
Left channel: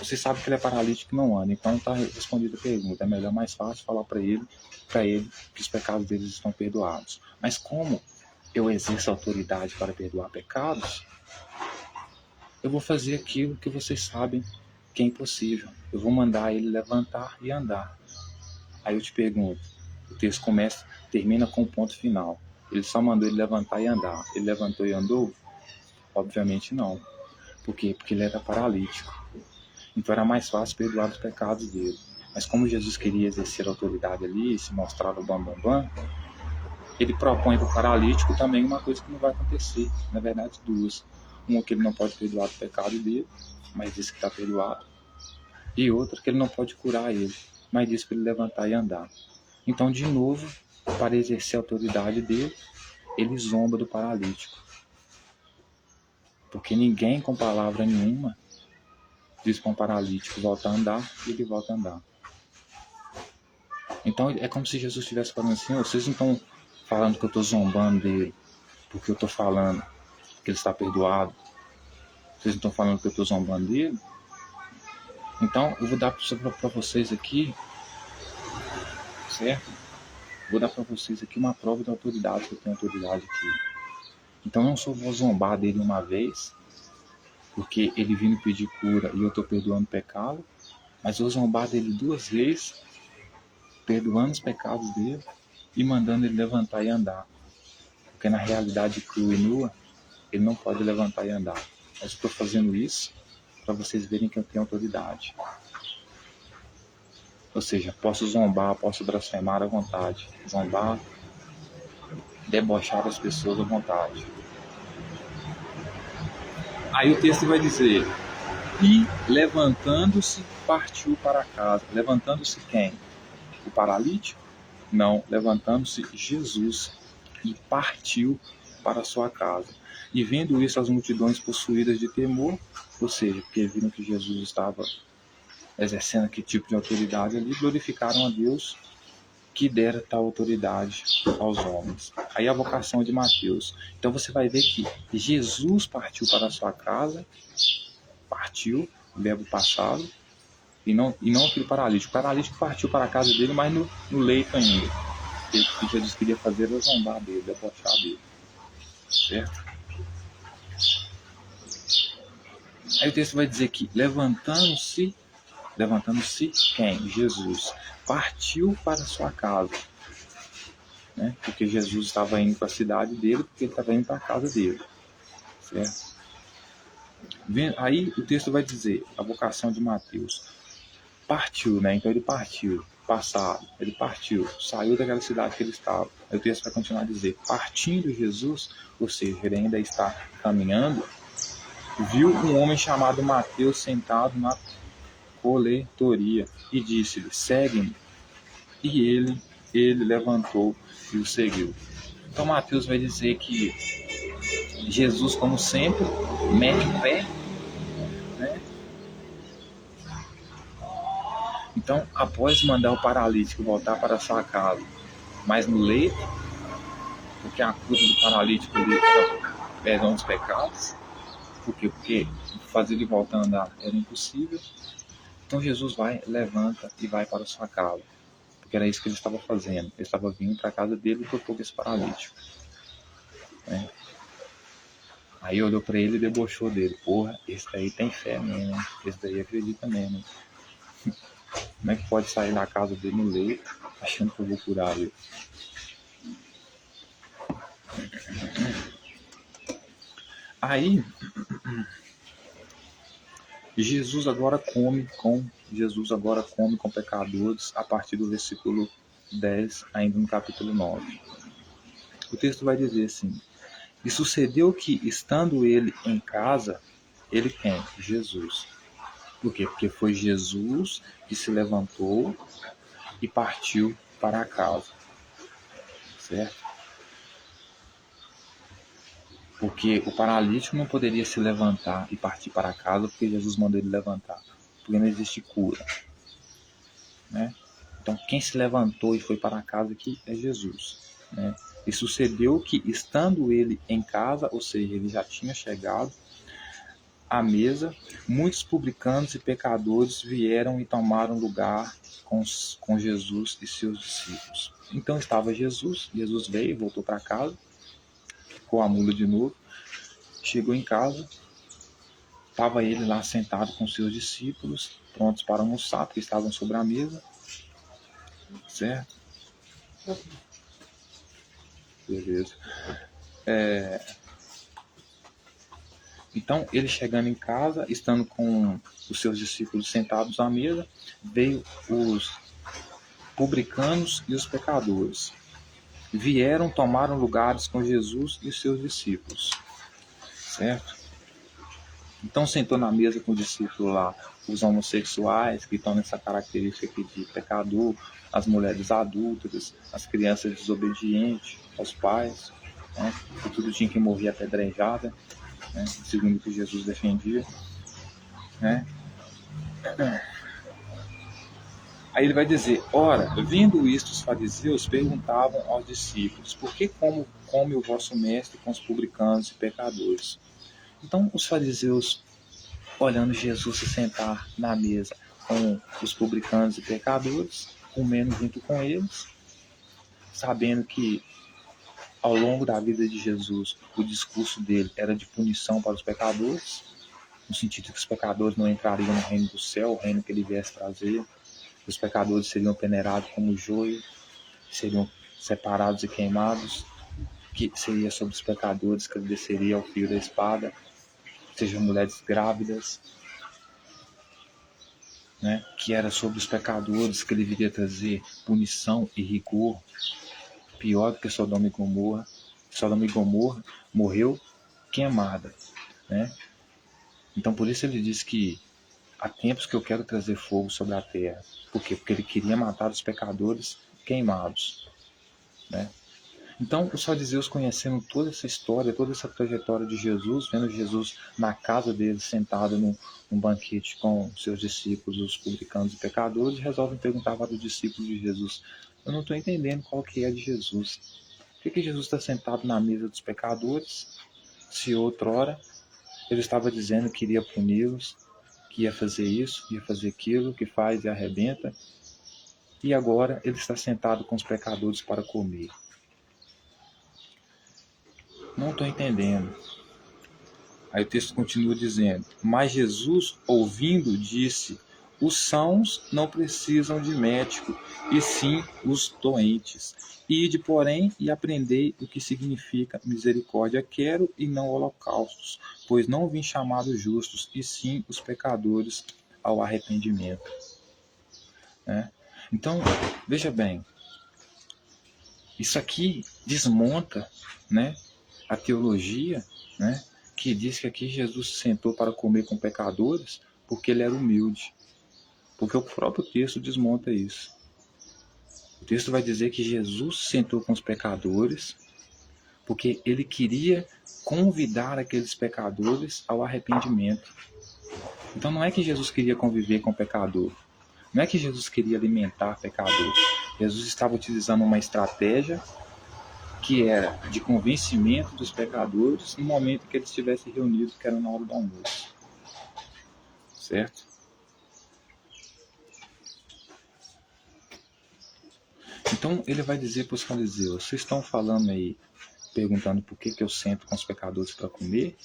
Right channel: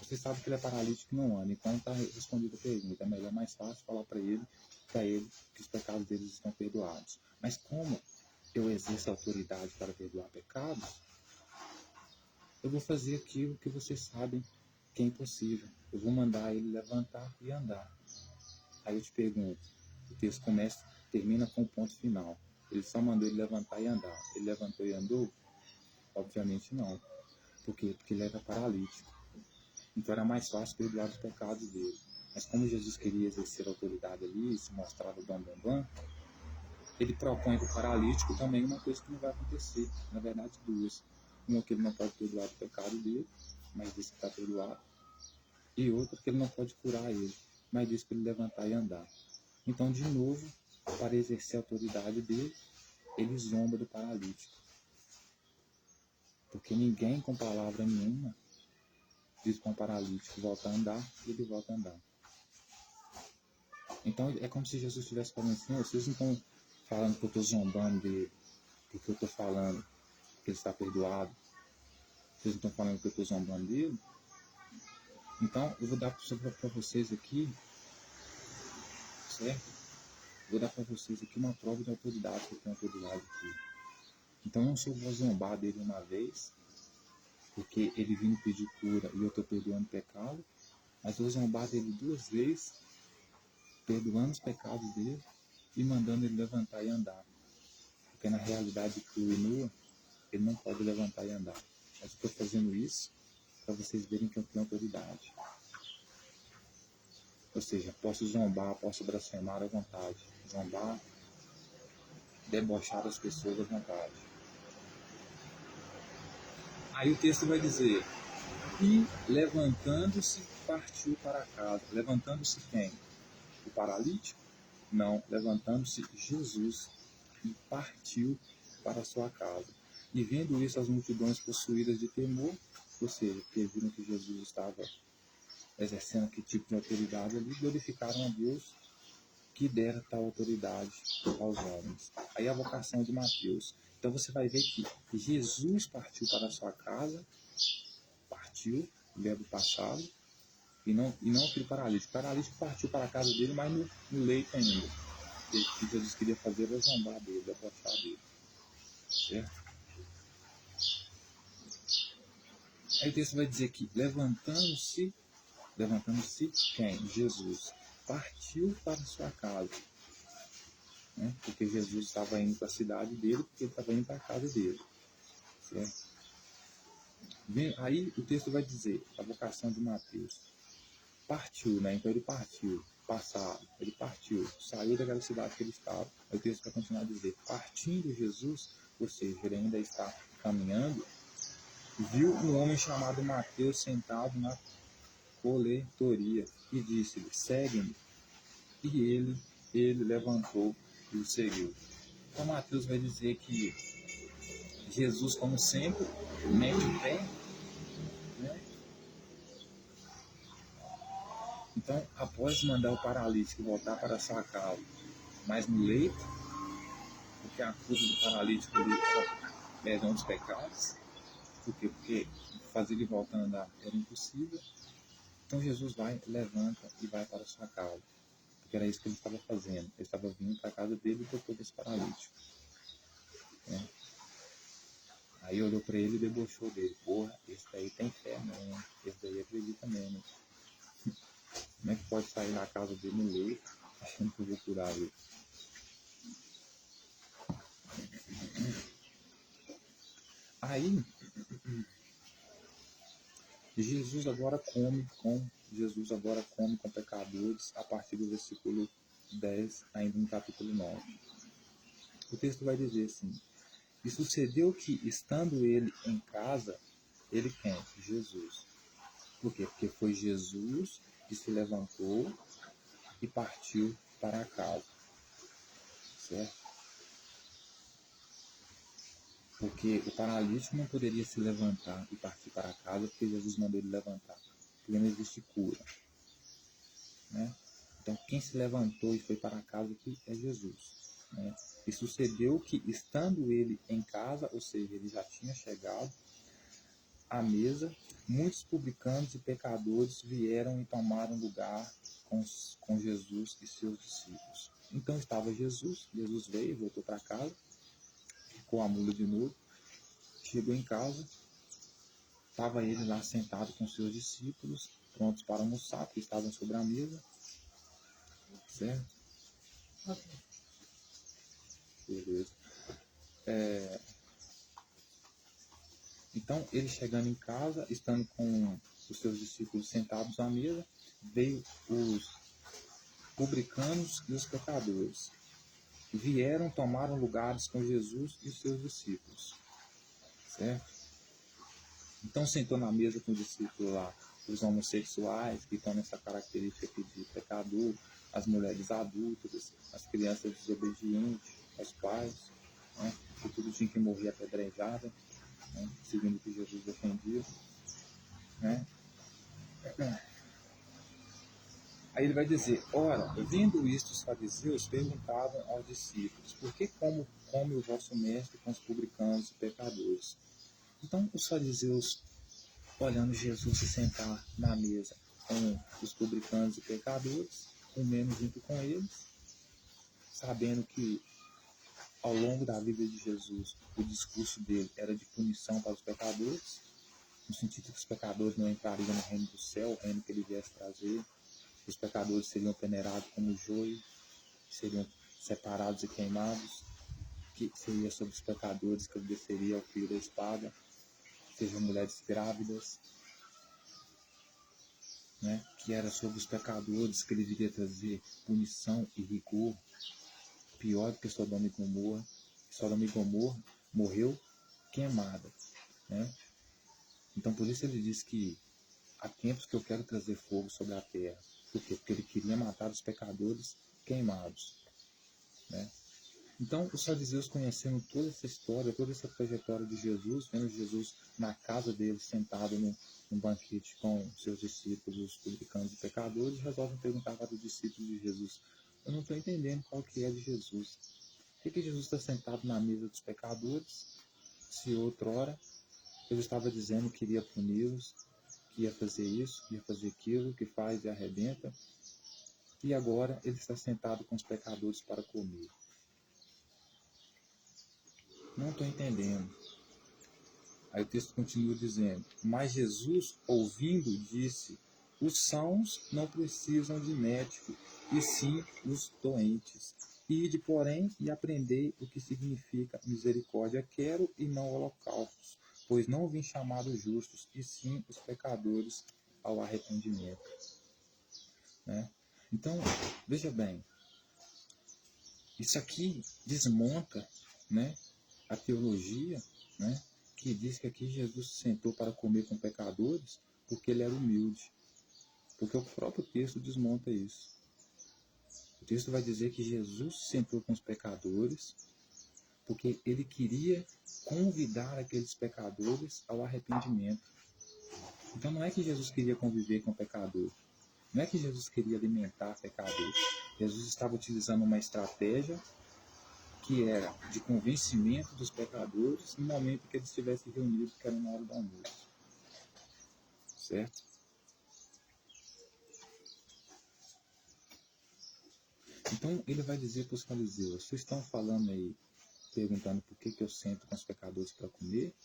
Você sabe que ele é paralítico e não anda, então está respondida a pergunta. É melhor, mais fácil falar para ele que os pecados deles estão perdoados. Mas como eu exerço autoridade para perdoar pecados, eu vou fazer aquilo que vocês sabem que é impossível. Eu vou mandar ele levantar e andar. Aí eu te pergunto, o texto termina com o ponto final. Ele só mandou ele levantar e andar. Ele levantou e andou? Obviamente não. Por quê? Porque ele era paralítico. Então era mais fácil perdoar os pecados dele. Mas como Jesus queria exercer a autoridade ali, se mostrar o bambambam, ele propõe para o paralítico também uma coisa que não vai acontecer. Na verdade, duas. Uma que ele não pode perdoar o pecado dele, mas diz que está perdoado. E outra que ele não pode curar ele, mas diz para ele levantar e andar. Então, de novo, para exercer a autoridade dele, ele zomba do paralítico. Porque ninguém com palavra nenhuma diz para um paralítico volta a andar e ele volta a andar. Então é como se Jesus estivesse falando assim, vocês não estão falando que eu estou zombando dele, porque eu estou falando que ele está perdoado. Vocês não estão falando que eu estou zombando dele? Então eu vou dar para vocês aqui, certo? Vou dar para vocês aqui uma prova de autoridade, que eu tenho autoridade aqui. Então não só vou zombar dele uma vez, porque ele vindo pedir cura e eu estou perdoando pecado, mas vou zombar dele duas vezes, perdoando os pecados dele e mandando ele levantar e andar. Porque na realidade crua e nua, ele não pode levantar e andar. Mas eu estou fazendo isso para vocês verem que eu tenho autoridade. Ou seja, posso zombar, posso blasfemar à vontade. Zombar, debochar das pessoas à vontade. Aí o texto vai dizer: e levantando-se, partiu para casa. Levantando-se quem? O paralítico? Não, levantando-se Jesus e partiu para sua casa. E vendo isso, as multidões possuídas de temor, ou seja, porque viram que Jesus estava exercendo aquele tipo de autoridade ali, glorificaram a Deus que dera tal autoridade aos homens. Aí a vocação de Mateus. Então você vai ver que Jesus partiu para a sua casa, partiu, verbo passado, e não aquele paralítico. O paralítico partiu para a casa dele, mas no leito ainda. O que Jesus queria fazer era zombar dele, debochar dele. Certo? Aí o texto vai dizer que levantando-se quem? Jesus. Partiu para a sua casa. Né? Porque Jesus estava indo para a cidade dele, porque ele estava indo para a casa dele. Certo? Aí o texto vai dizer, a vocação de Mateus. Partiu, né? Então ele partiu. Passado, ele partiu, saiu daquela cidade que ele estava. Aí o texto vai continuar a dizer, partindo Jesus, ou seja, ele ainda está caminhando, viu um homem chamado Mateus sentado na coletoria e disse-lhe, segue-me. E ele levantou e o seguiu. Então Mateus vai dizer que Jesus, como sempre, mete o pé, né? Então, após mandar o paralítico voltar para sua casa, mas no leito, porque a cura do paralítico ali era perdão dos pecados, por quê? Porque fazer ele voltar a andar era impossível. Então Jesus vai, levanta e vai para sua casa, porque era isso que ele estava fazendo. Ele estava vindo para a casa dele e tocou com esse paralítico. Né? Aí olhou para ele e debochou dele. Porra, esse daí tem fé mesmo, esse daí acredita mesmo. Como é que pode sair da casa dele no leito, achando que eu vou curar ele? Aí Jesus agora come com pecadores a partir do versículo 10, ainda no capítulo 9. O texto vai dizer assim: e sucedeu que, estando ele em casa, ele quem? Jesus. Por quê? Porque foi Jesus que se levantou e partiu para a casa. Certo? Porque o paralítico não poderia se levantar e partir para casa porque Jesus mandou ele levantar. Porque não existe cura. Né? Então, quem se levantou e foi para casa aqui é Jesus. Né? E sucedeu que, estando ele em casa, ou seja, ele já tinha chegado à mesa, muitos publicanos e pecadores vieram e tomaram lugar com Jesus e seus discípulos. Então estava Jesus veio, voltou para casa, ficou a mula de novo, chegou em casa, estava ele lá sentado com seus discípulos, prontos para almoçar, porque estavam sobre a mesa, certo? Beleza. Então, ele chegando em casa, estando com os seus discípulos sentados à mesa, veio os publicanos e os pecadores. Vieram, tomaram lugares com Jesus e os seus discípulos. Certo? Então, sentou na mesa com o discípulo lá os homossexuais, que estão nessa característica aqui de pecador, as mulheres adúlteras, as crianças desobedientes aos pais, né? Que tudo tinha que morrer apedrejada, né? Segundo o que Jesus defendia. Né? Aí ele vai dizer, ora, vendo isto, os fariseus perguntavam aos discípulos, por que come o vosso mestre com os publicanos e pecadores? Então os fariseus, olhando Jesus se sentar na mesa com os publicanos e pecadores, comendo junto com eles, sabendo que ao longo da vida de Jesus, o discurso dele era de punição para os pecadores, no sentido que os pecadores não entrariam no reino do céu, o reino que ele viesse trazer. Os pecadores seriam peneirados como joio, seriam separados e queimados, que seria sobre os pecadores que ele desceria ao fio da espada, sejam mulheres grávidas, né? Que era sobre os pecadores que ele viria trazer punição e rigor, pior do que Sodoma e Gomorra. Sodoma e Gomorra morreu queimada, né? Então, por isso ele diz que há tempos que eu quero trazer fogo sobre a terra. Por quê? Porque ele queria matar os pecadores queimados, né? Então, os fariseus, conhecendo toda essa história, toda essa trajetória de Jesus, vendo Jesus na casa dele, sentado num banquete com seus discípulos, os publicanos e pecadores, resolvem perguntar para os discípulos de Jesus: eu não estou entendendo qual que é de Jesus. Por que Jesus está sentado na mesa dos pecadores, se outrora ele estava dizendo que iria puni-los, que ia fazer isso, ia fazer aquilo, que faz e arrebenta, e agora ele está sentado com os pecadores para comer? Não estou entendendo. Aí o texto continua dizendo: mas Jesus, ouvindo, disse: os sãos não precisam de médico, e sim os doentes. Ide, porém, e aprendei o que significa misericórdia quero e não holocaustos, pois não vim chamar os justos, e sim os pecadores ao arrependimento. Né? Então, veja bem, isso aqui desmonta, né, a teologia, né, que diz que aqui Jesus se sentou para comer com pecadores porque ele era humilde. Porque o próprio texto desmonta isso. O texto vai dizer que Jesus se sentou com os pecadores porque ele queria convidar aqueles pecadores ao arrependimento. Então não é que Jesus queria conviver com o pecador. Não é que Jesus queria alimentar pecador. Jesus estava utilizando uma estratégia que era de convencimento dos pecadores no momento que eles estivessem reunidos, que era na hora do almoço. Certo? Então ele vai dizer para os fariseus: vocês estão falando aí, perguntando por que eu sento com os pecadores para comer?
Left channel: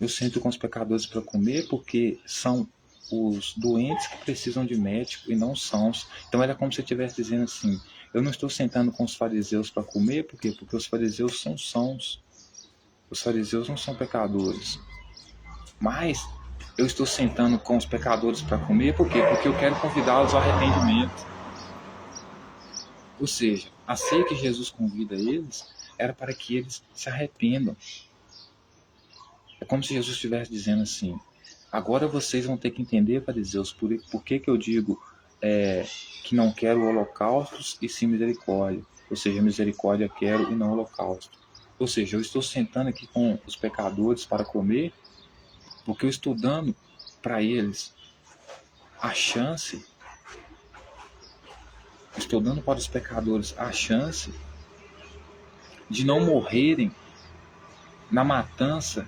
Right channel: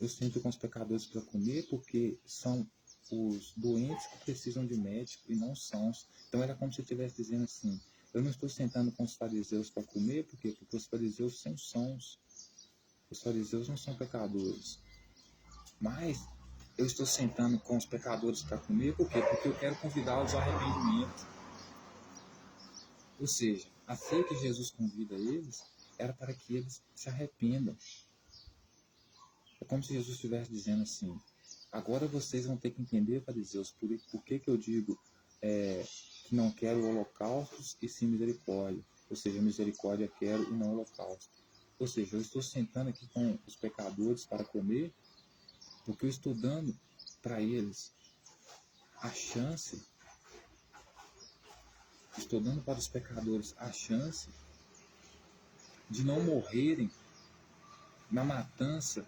Eu sento com os pecadores para comer porque são os doentes que precisam de médico e não os sãos. Então era como se eu estivesse dizendo assim: eu não estou sentando com os fariseus para comer, por quê? Porque os fariseus são sãos. Os fariseus não são pecadores. Mas eu estou sentando com os pecadores para comer, por quê? Porque eu quero convidá-los ao arrependimento. Ou seja, a ceia que Jesus convida eles era para que eles se arrependam. É como se Jesus estivesse dizendo assim: agora vocês vão ter que entender, fariseus, por que eu digo que não quero holocaustos e sim misericórdia. Ou seja, misericórdia quero e não holocausto. Ou seja, eu estou sentando aqui com os pecadores para comer porque eu estou dando para eles a chance, estou dando para os pecadores a chance de não morrerem na matança,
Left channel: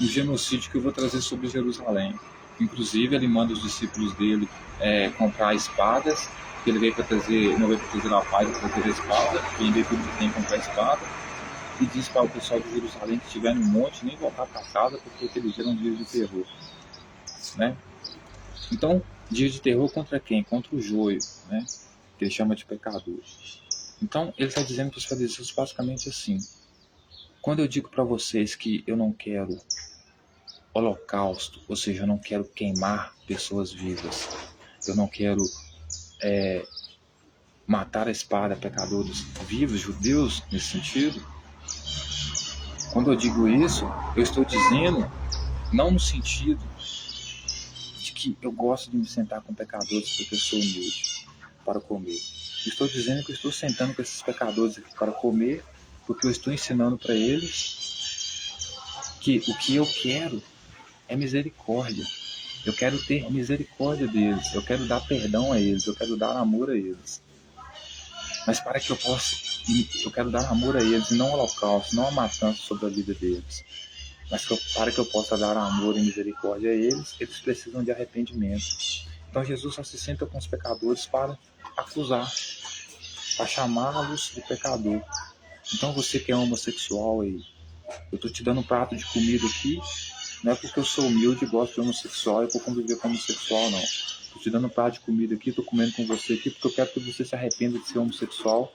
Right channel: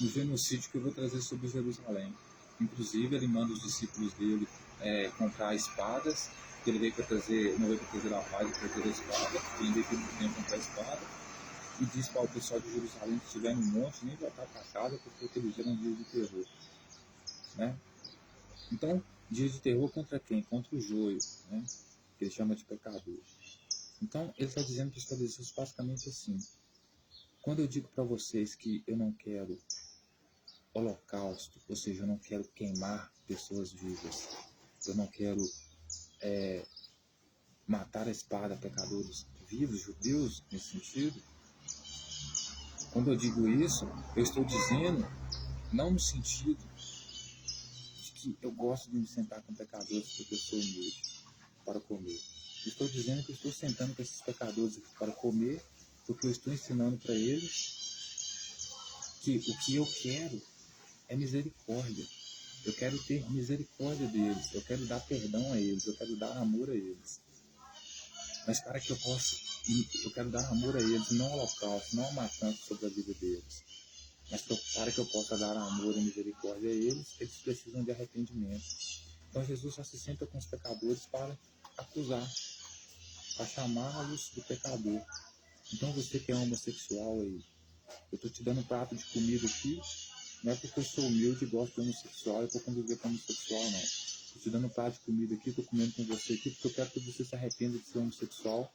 no genocídio que eu vou trazer sobre Jerusalém. Inclusive, ele manda os discípulos dele comprar espadas, que ele veio para trazer, não veio para trazer a paz, para trazer a espada, vender tudo que tem, comprar espada, e diz para o pessoal de Jerusalém que estiver no monte nem voltar para casa, porque aqueles dias eram dias de terror. Né? Então, dia de terror contra quem? Contra o joio, né? Que ele chama de pecador. Então, ele está dizendo para os fariseus basicamente assim: quando eu digo para vocês que eu não quero holocausto, ou seja, eu não quero queimar pessoas vivas, eu não quero matar a espada pecadores vivos, judeus, nesse sentido, quando eu digo isso, eu estou dizendo não no sentido de que eu gosto de me sentar com pecadores porque eu sou humilde para comer. Eu estou dizendo que eu estou sentando com esses pecadores aqui para comer porque eu estou ensinando para eles que o que eu quero é misericórdia. Eu quero ter misericórdia deles, eu quero dar perdão a eles, eu quero dar amor a eles. Mas para que eu possa, eu quero dar amor a eles e não holocausto, não a matança sobre a vida deles. Mas para que eu possa dar amor e misericórdia a eles, eles precisam de arrependimento. Então Jesus só se senta com os pecadores para acusar, para chamá-los de pecador. Então você que é homossexual aí, eu estou te dando um prato de comida aqui, não é porque eu sou humilde e gosto de homossexual e vou conviver com homossexual, não. Estou te dando um prato de comida aqui, estou comendo com você aqui porque eu quero que você se arrependa de ser homossexual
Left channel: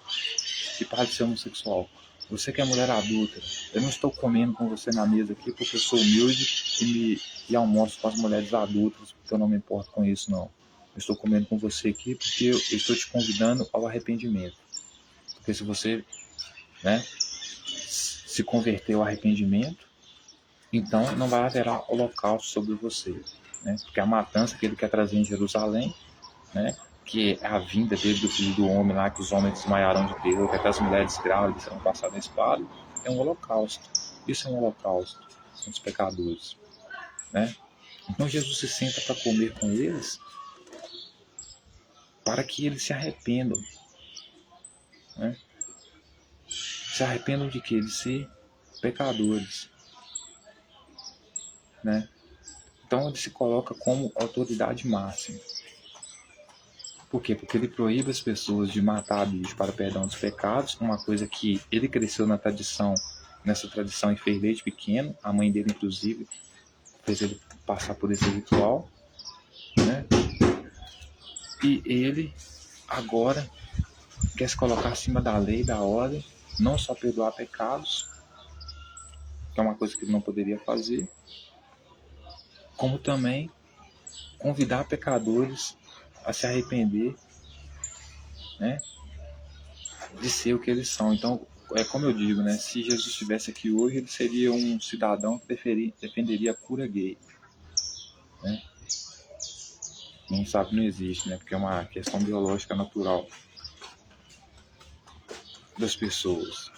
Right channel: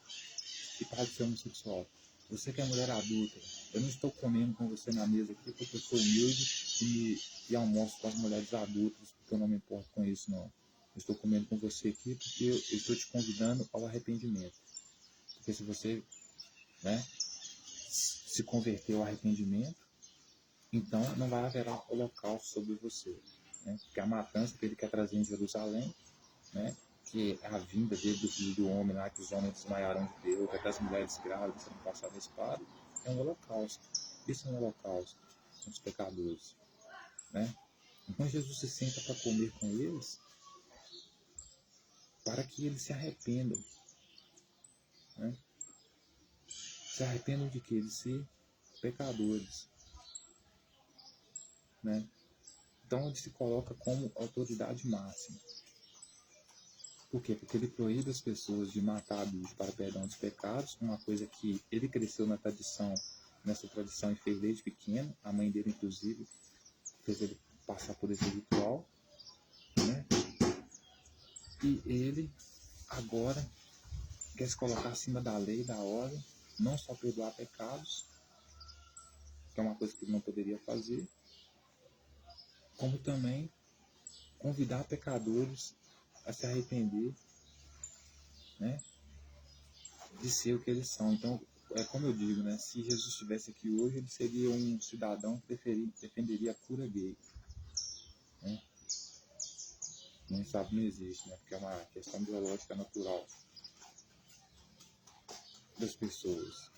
e pare de ser homossexual. Você que é mulher adulta, eu não estou comendo com você na mesa aqui porque eu sou humilde e almoço com as mulheres adultas, porque eu não me importo com isso, não. Eu estou comendo com você aqui porque eu estou te convidando ao arrependimento. Porque se você, né, se converter ao arrependimento, então não vai haver holocausto sobre você, né? Porque a matança que ele quer trazer em Jerusalém, né? Que é a vinda dele, do filho do homem lá, que os homens desmaiarão de terror, que até as mulheres grávidas serão passadas a espada, é um holocausto. Isso é um holocausto, são os pecadores, né? Então Jesus se senta para comer com eles, para que eles se arrependam, né? Se arrependam de que? De ser pecadores, né? Então ele se coloca como autoridade máxima. Por quê? Porque ele proíbe as pessoas de matar bicho para perdão dos pecados, uma coisa que ele cresceu nessa tradição e fez desde pequeno, a mãe dele inclusive fez ele passar por esse ritual, né? E ele agora quer se colocar acima da lei, da ordem, não só perdoar pecados, que é uma coisa que ele não poderia fazer, como também convidar pecadores a se arrepender, né, de ser o que eles são. Então, é como eu digo, né, se Jesus estivesse aqui hoje, ele seria um cidadão que defenderia a cura gay, né? Não sabe, não existe, né, porque é uma questão biológica natural das pessoas.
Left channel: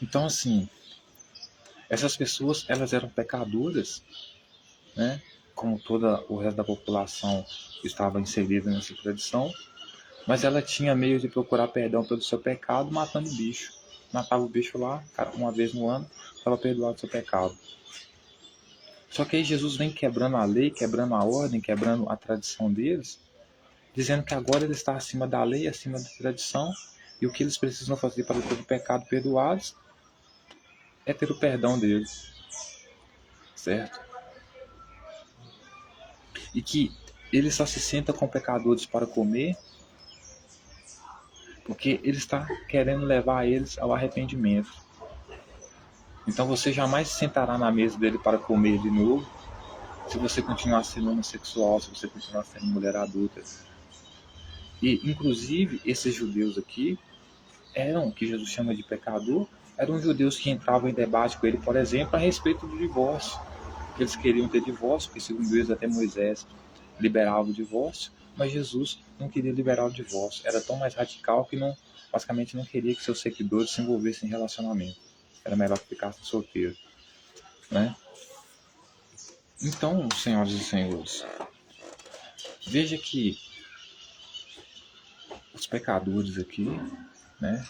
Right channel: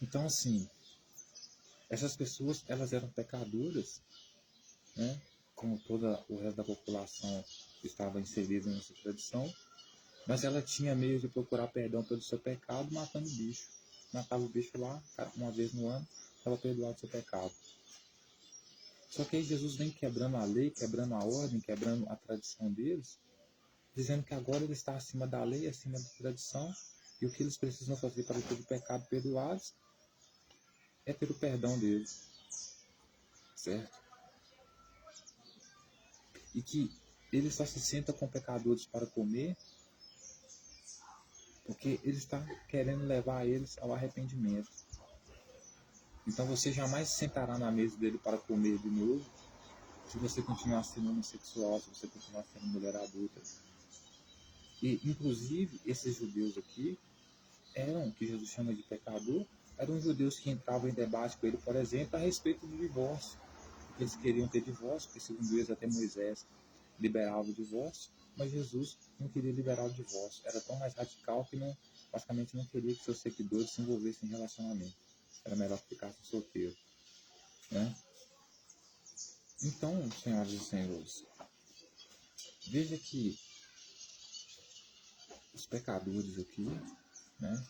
Então, assim, essas pessoas, elas eram pecadoras, né? Como toda o resto da população estava inserida nessa tradição, mas ela tinha meio de procurar perdão pelo seu pecado matando o bicho. Matava o bicho lá, uma vez no ano, estava perdoado o seu pecado. Só que aí Jesus vem quebrando a lei, quebrando a ordem, quebrando a tradição deles, dizendo que agora ele está acima da lei, acima da tradição, e o que eles precisam fazer para ter o pecado perdoados é ter o perdão deles, certo? E que ele só se senta com pecadores para comer porque ele está querendo levar eles ao arrependimento. Então você jamais se sentará na mesa dele para comer de novo se você continuar sendo homossexual, se você continuar sendo mulher adulta. E, inclusive, esses judeus aqui eram, que Jesus chama de pecador, eram judeus que entravam em debate com ele, por exemplo, a respeito do divórcio. Eles queriam ter divórcio, porque segundo eles até Moisés liberava o divórcio, mas Jesus não queria liberar o divórcio. Era tão mais radical que não, basicamente não queria que seus seguidores se envolvessem em relacionamento. Era melhor que ficassem solteiros, né? Então, senhoras e senhores, veja que os pecadores aqui, né?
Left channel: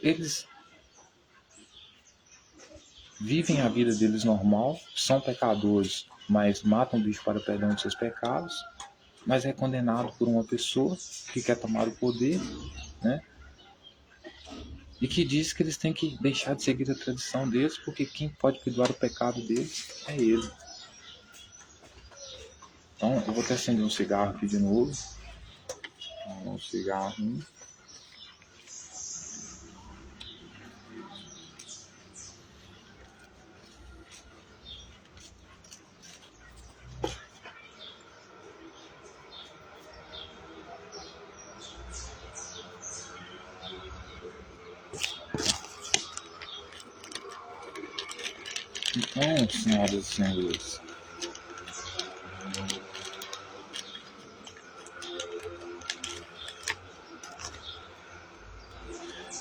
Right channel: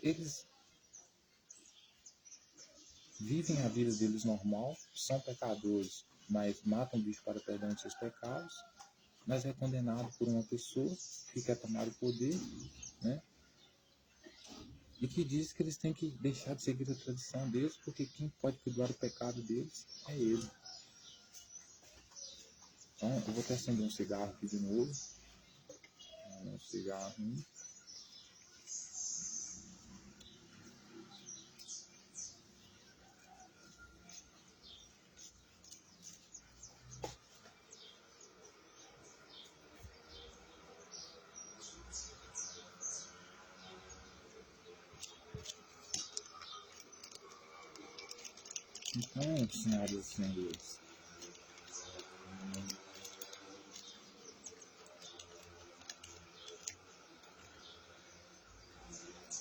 Eles vivem a vida deles normal, são pecadores, mas matam o bicho para o perdão de seus pecados, mas é condenado por uma pessoa que quer tomar o poder, né? E que diz que eles têm que deixar de seguir a tradição deles, porque quem pode perdoar o pecado deles é ele. Então, eu vou até acender um cigarro aqui de novo. Um cigarro. Então, senhoras e senhores,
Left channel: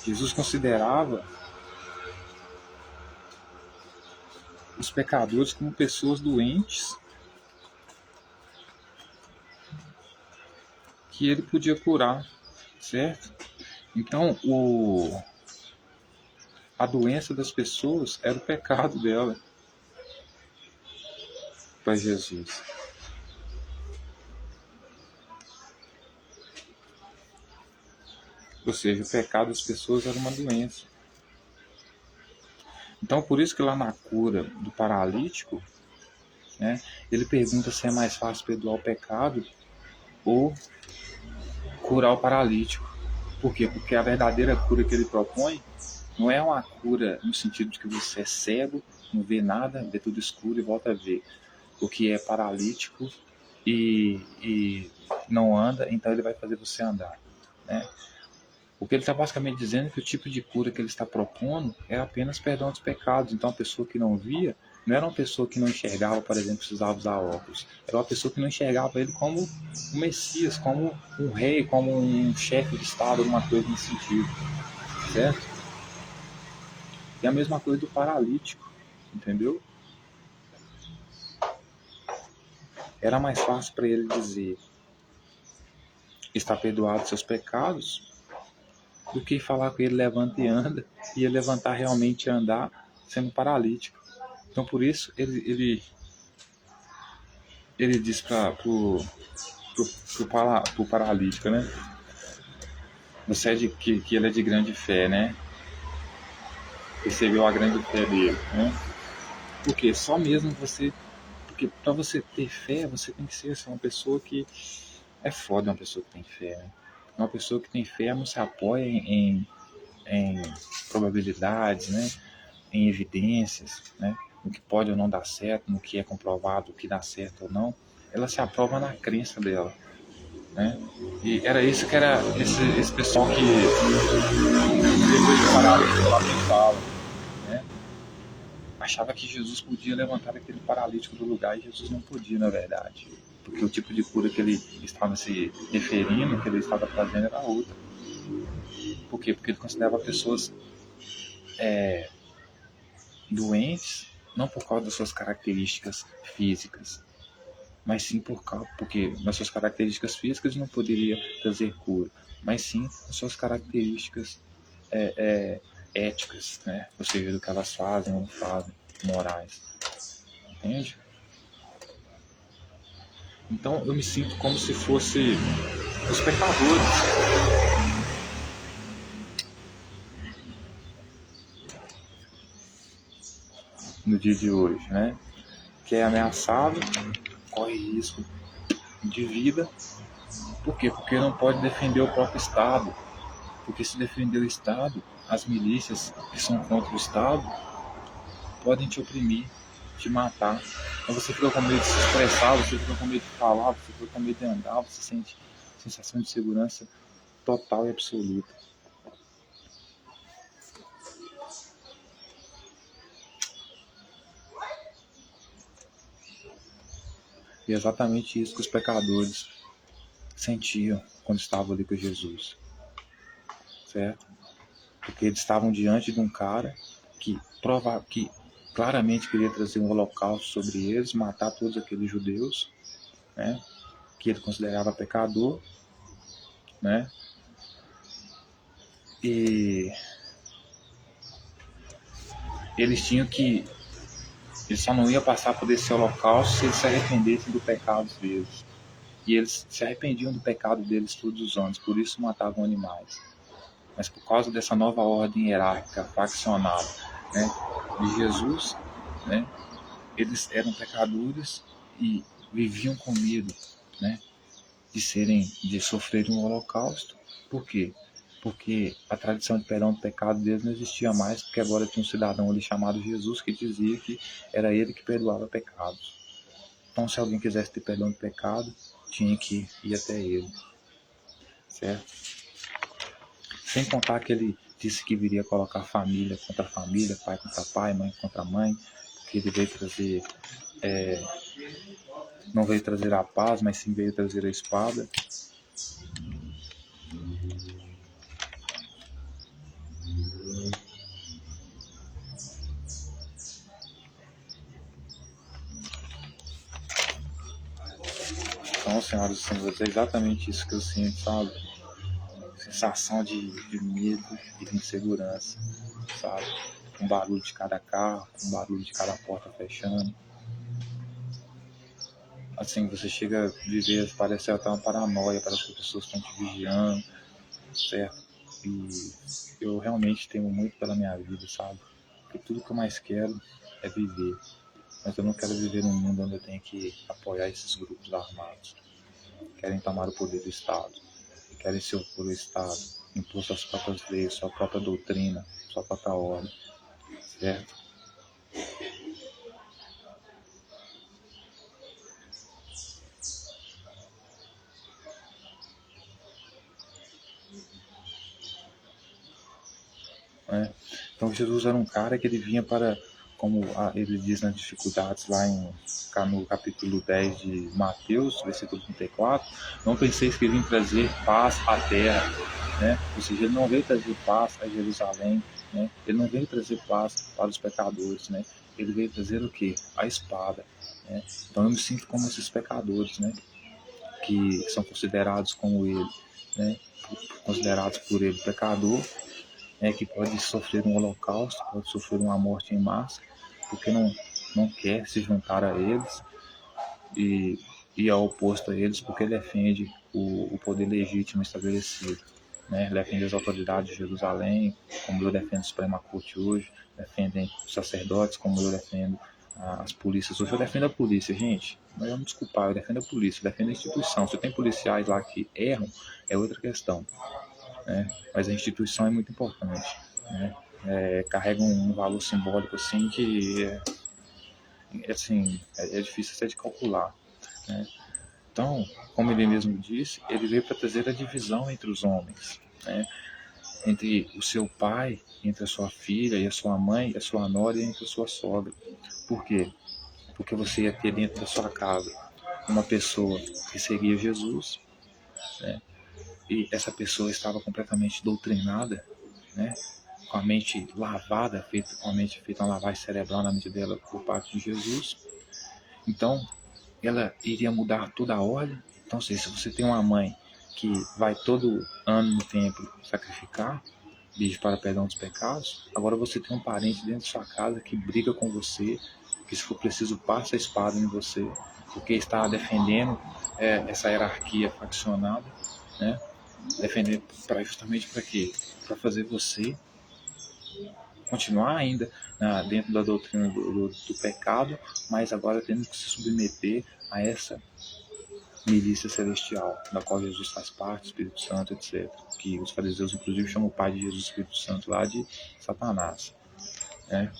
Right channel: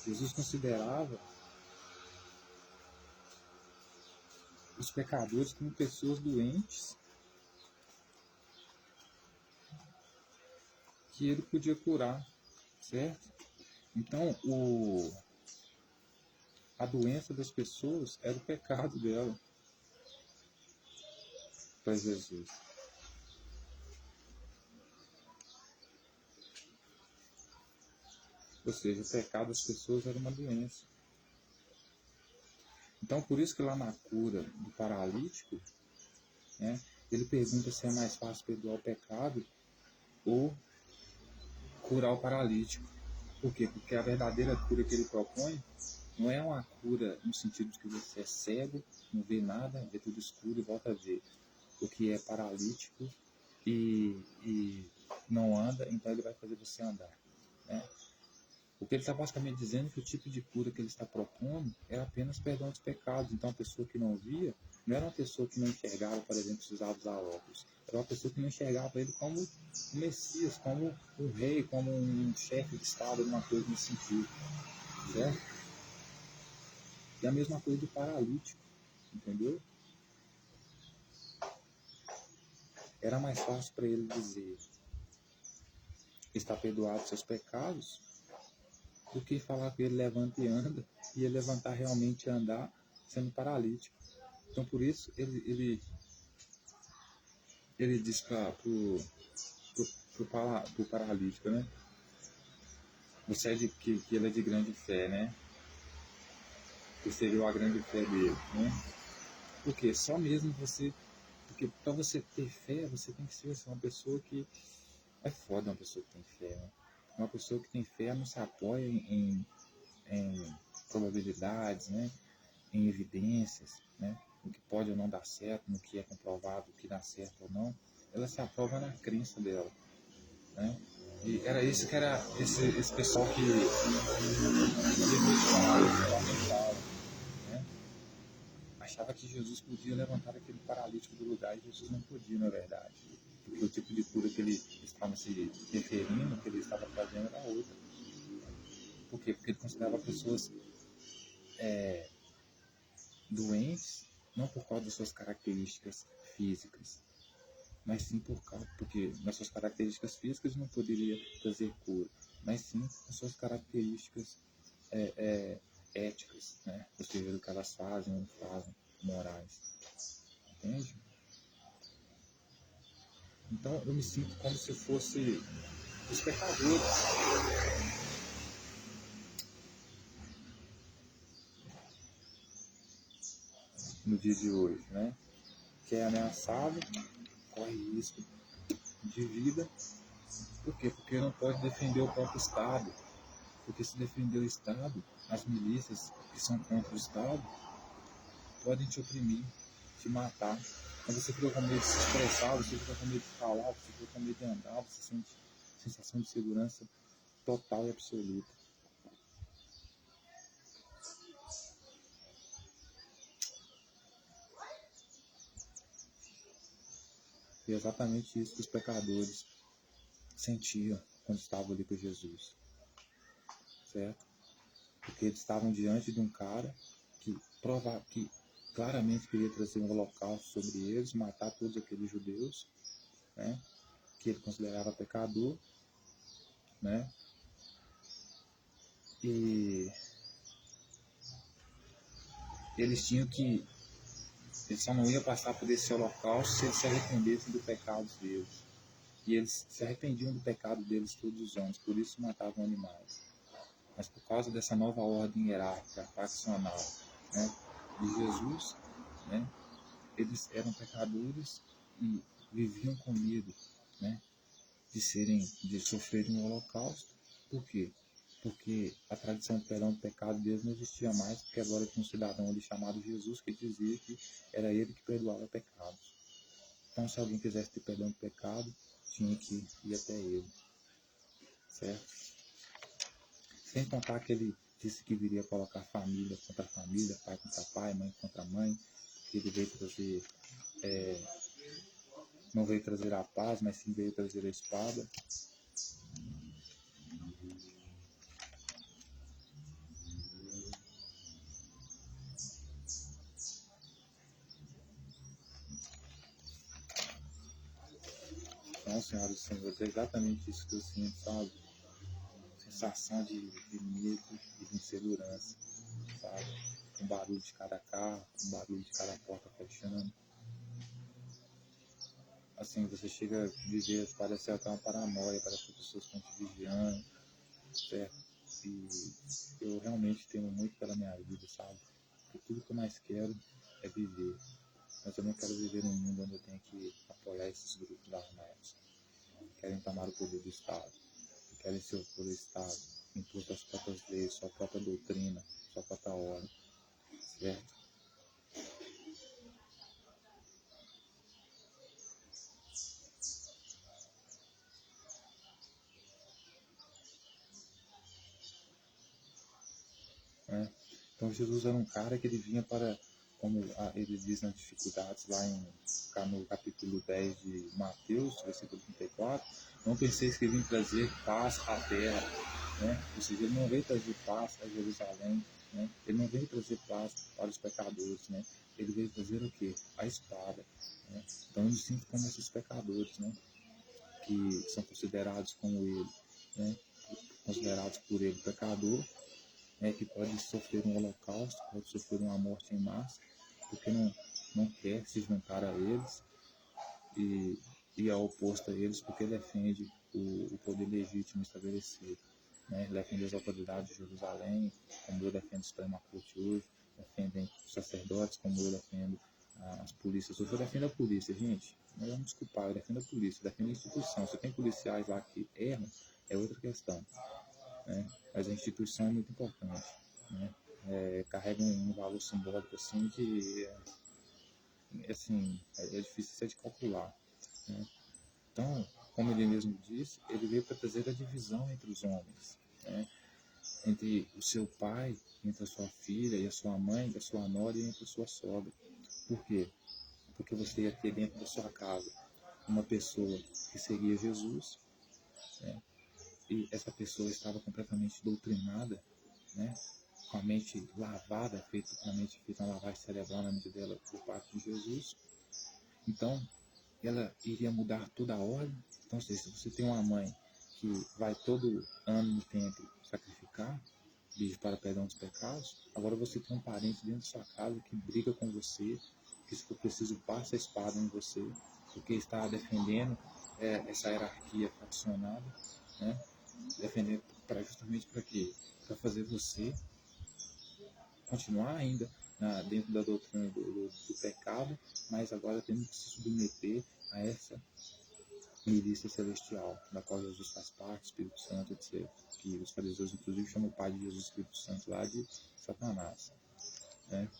Jesus considerava os pecadores como pessoas doentes que ele podia curar, certo? Então, a doença das pessoas era o pecado dela para Jesus. Ou seja, o pecado das pessoas era uma doença. Então, por isso que lá na cura do paralítico, né, ele pergunta se é mais fácil perdoar o pecado ou curar o paralítico. Por quê? Porque a verdadeira cura que ele propõe não é uma cura no sentido de que você é cego não vê nada, vê tudo escuro e volta a ver. O que é paralítico e não anda, então ele vai fazer você andar, né? O que ele está basicamente dizendo é que o tipo de cura que ele está propondo é apenas perdão dos pecados. Então, a pessoa que não via não era uma pessoa que não enxergava, por exemplo, precisava usar óculos. Era uma pessoa que não enxergava ele como um Messias, como um rei, como um chefe de Estado, alguma coisa nesse sentido, certo? E a mesma coisa do paralítico, entendeu? Era mais fácil para ele dizer: está perdoado seus pecados, do que falar com ele: levanta e anda, e ele levantar realmente e andar sendo paralítico. Então, por isso, ele diz para o paralítico, né? Você é que ele é de grande fé, né? Recebeu a grande fé dele, né? Porque só mesmo você... Porque para você ter fé, você tem que ser assim, uma pessoa que... É foda uma pessoa que tem fé, né? Uma pessoa que tem fé não se apoia em probabilidades, né? Em evidências, né? No que pode ou não dar certo, no que é comprovado, o que dá certo ou não. Ela se aprova na crença dela, né? E era isso que era esse pessoal que depois de parar lá pensava, né? Achava que Jesus podia levantar aquele paralítico do lugar, e Jesus não podia, na verdade, porque o tipo de cura que ele estava se referindo, que ele estava trazendo, era outra. Por quê? Porque ele considerava pessoas doentes não por causa das suas características físicas, mas sim porque nas suas características físicas não poderia trazer cura, mas sim nas suas características éticas, né? Ou seja, do que elas fazem ou não fazem, morais, entende? Então eu me sinto como se fosse os pecadores no dia de hoje, né? Que é ameaçado, corre risco de vida. Por quê? Porque não pode defender o próprio Estado. Porque se defender o Estado, as milícias que são contra o Estado podem te oprimir, te matar. Então você fica com medo de se expressar, você fica com medo de falar, você fica com medo de andar, você sente sensação de segurança total e absoluta. E é exatamente isso que os pecadores sentiam quando estavam ali com Jesus, certo? Porque eles estavam diante de um cara que claramente queria trazer um holocausto sobre eles, matar todos aqueles judeus, né? Que ele considerava pecador, né? E eles tinham que... Eles só não iam passar por esse holocausto se eles se arrependessem do pecado deles. E eles se arrependiam do pecado deles todos os anos, por isso matavam animais. Mas por causa dessa nova ordem hierárquica, faccional, né, de Jesus, né, eles eram pecadores e viviam com medo, né, de sofrerem um holocausto. Por quê? Porque a tradição de perdão do pecado deles não existia mais, porque agora tinha um cidadão ali chamado Jesus que dizia que era ele que perdoava pecados. Então, se alguém quisesse ter perdão do pecado, tinha que ir até ele, certo? Sem contar que ele disse que viria colocar família contra família, pai contra pai, mãe contra mãe, que ele veio trazer, não veio trazer a paz, mas sim veio trazer a espada. Então, senhoras e senhores, é exatamente isso que eu sinto, sabe? Sensação de medo e de insegurança, sabe? Um barulho de cada carro, um barulho de cada porta fechando. Assim, você chega a viver, parece até uma paranoia, parece que as pessoas estão te vigiando, certo? E eu realmente temo muito pela minha vida, sabe? Porque tudo que eu mais quero é viver. Mas eu não quero viver num mundo onde eu tenho que apoiar esses grupos armados. Querem tomar o poder do Estado. Querem se opor ao Estado. Impor suas próprias leis, sua própria doutrina, sua própria ordem. Certo? né? Então Jesus era um cara que ele vinha para, como ele diz nas dificuldades lá no capítulo 10 de Mateus, versículo 34, não penseis que ele vinha trazer paz à terra, né? Ou seja, ele não veio trazer paz a Jerusalém, né? Ele não veio trazer paz para os pecadores, né? Ele veio trazer o quê? A espada, né? Então eu me sinto como esses pecadores, né? Que são considerados como ele, né? Considerados por ele pecador, que pode sofrer um holocausto, pode sofrer uma morte em massa, porque não quer se juntar a eles e ir ao oposto a eles, porque defende o poder legítimo estabelecido. Né? Defende as autoridades de Jerusalém, como eu defendo a Suprema Corte hoje, defendem os sacerdotes, como eu defendo as polícias. Hoje eu defendo a polícia, gente. Não vamos desculpar, eu defendo a polícia, eu defendo a instituição. Se tem policiais lá que erram, é outra questão. Né? Mas a instituição é muito importante. Né? Carrega um valor simbólico assim que é difícil até de calcular. Né? Então, como ele mesmo disse, ele veio para trazer a divisão entre os homens, né? Entre o seu pai, entre a sua filha e a sua mãe, a sua nora e entre a sua sogra. Por quê? Porque você ia ter dentro da sua casa uma pessoa que seguia Jesus, né? E essa pessoa estava completamente doutrinada, né? Com a mente lavada, com a mente feita uma lavagem cerebral na mente dela por parte de Jesus. Então, ela iria mudar toda a ordem. Então, se você tem uma mãe que vai todo ano no templo sacrificar, pedir para perdão dos pecados, agora você tem um parente dentro de sua casa que briga com você, que se for preciso passa a espada em você, porque está defendendo essa hierarquia faccionada, né? Defendendo justamente para quê? Para fazer você continuar ainda dentro da doutrina do pecado, mas agora tendo que se submeter a essa milícia celestial, da qual Jesus faz parte, Espírito Santo, etc. Que os fariseus, inclusive, chamam o pai de Jesus, Espírito Santo, lá de Satanás. Né?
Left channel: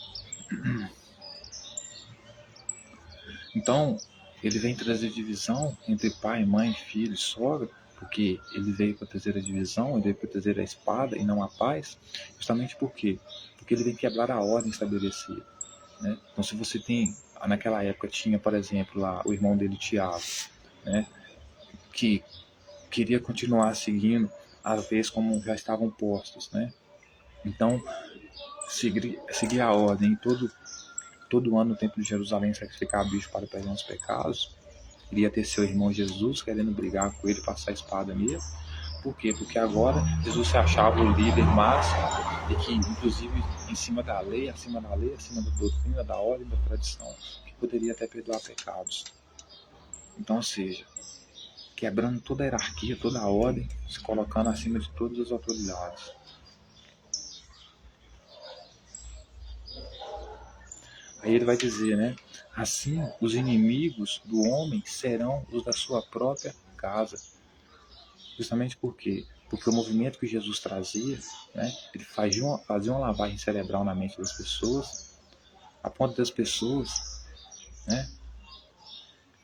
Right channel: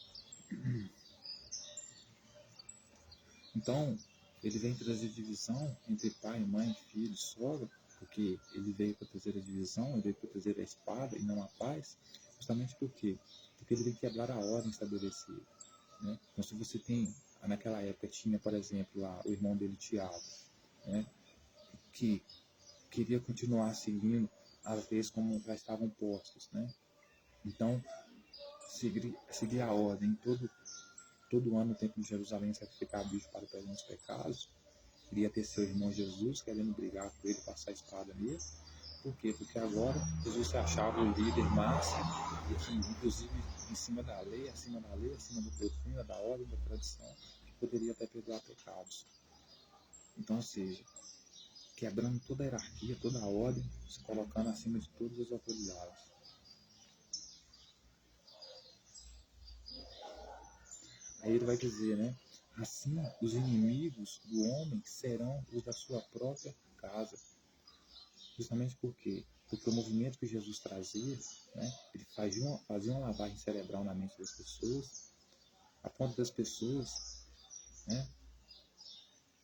Então, ele vem trazer divisão entre pai, mãe, filho, sogra, porque ele veio para trazer a divisão, ele veio para trazer a espada e não a paz, justamente por quê? Porque ele vem quebrar a ordem estabelecida. Né? Então, se você tem, naquela época tinha, por exemplo, lá o irmão dele, Tiago, né? Que queria continuar seguindo as leis como já estavam postas, né? Então, seguir a ordem todo ano no templo de Jerusalém sacrificar bicho para perdão dos pecados. Iria ter seu irmão Jesus querendo brigar com ele, passar a espada nele. Por quê? Porque agora Jesus se achava o líder máximo e que, inclusive, em cima da lei, acima da doutrina, da ordem, da tradição, que poderia até perdoar pecados. Então, ou seja, quebrando toda a hierarquia, toda a ordem, se colocando acima de todas as autoridades. Aí ele vai dizer, né? Assim, os inimigos do homem serão os da sua própria casa. Justamente por quê? Porque o movimento que Jesus trazia, né? Ele fazia uma lavagem cerebral na mente das pessoas, a ponto das pessoas, né?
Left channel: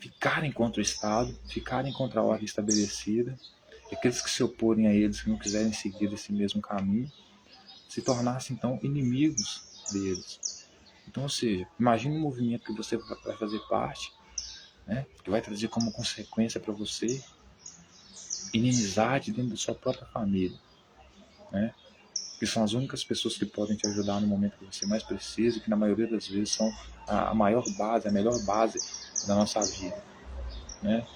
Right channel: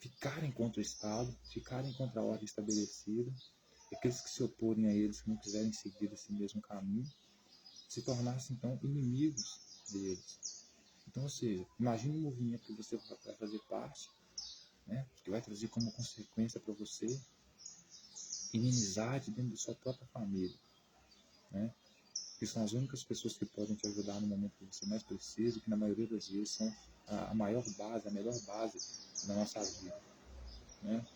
Ficarem contra o Estado, ficarem contra a ordem estabelecida, e aqueles que se oporem a eles, que não quiserem seguir esse mesmo caminho, se tornassem então inimigos deles. Então, ou seja, imagine um movimento que você vai fazer parte, né, que vai trazer como consequência para você inimizade dentro da sua própria família, né, que são as únicas pessoas que podem te ajudar no momento que você mais precisa e que na maioria das vezes são a maior base, a melhor base da nossa vida, né.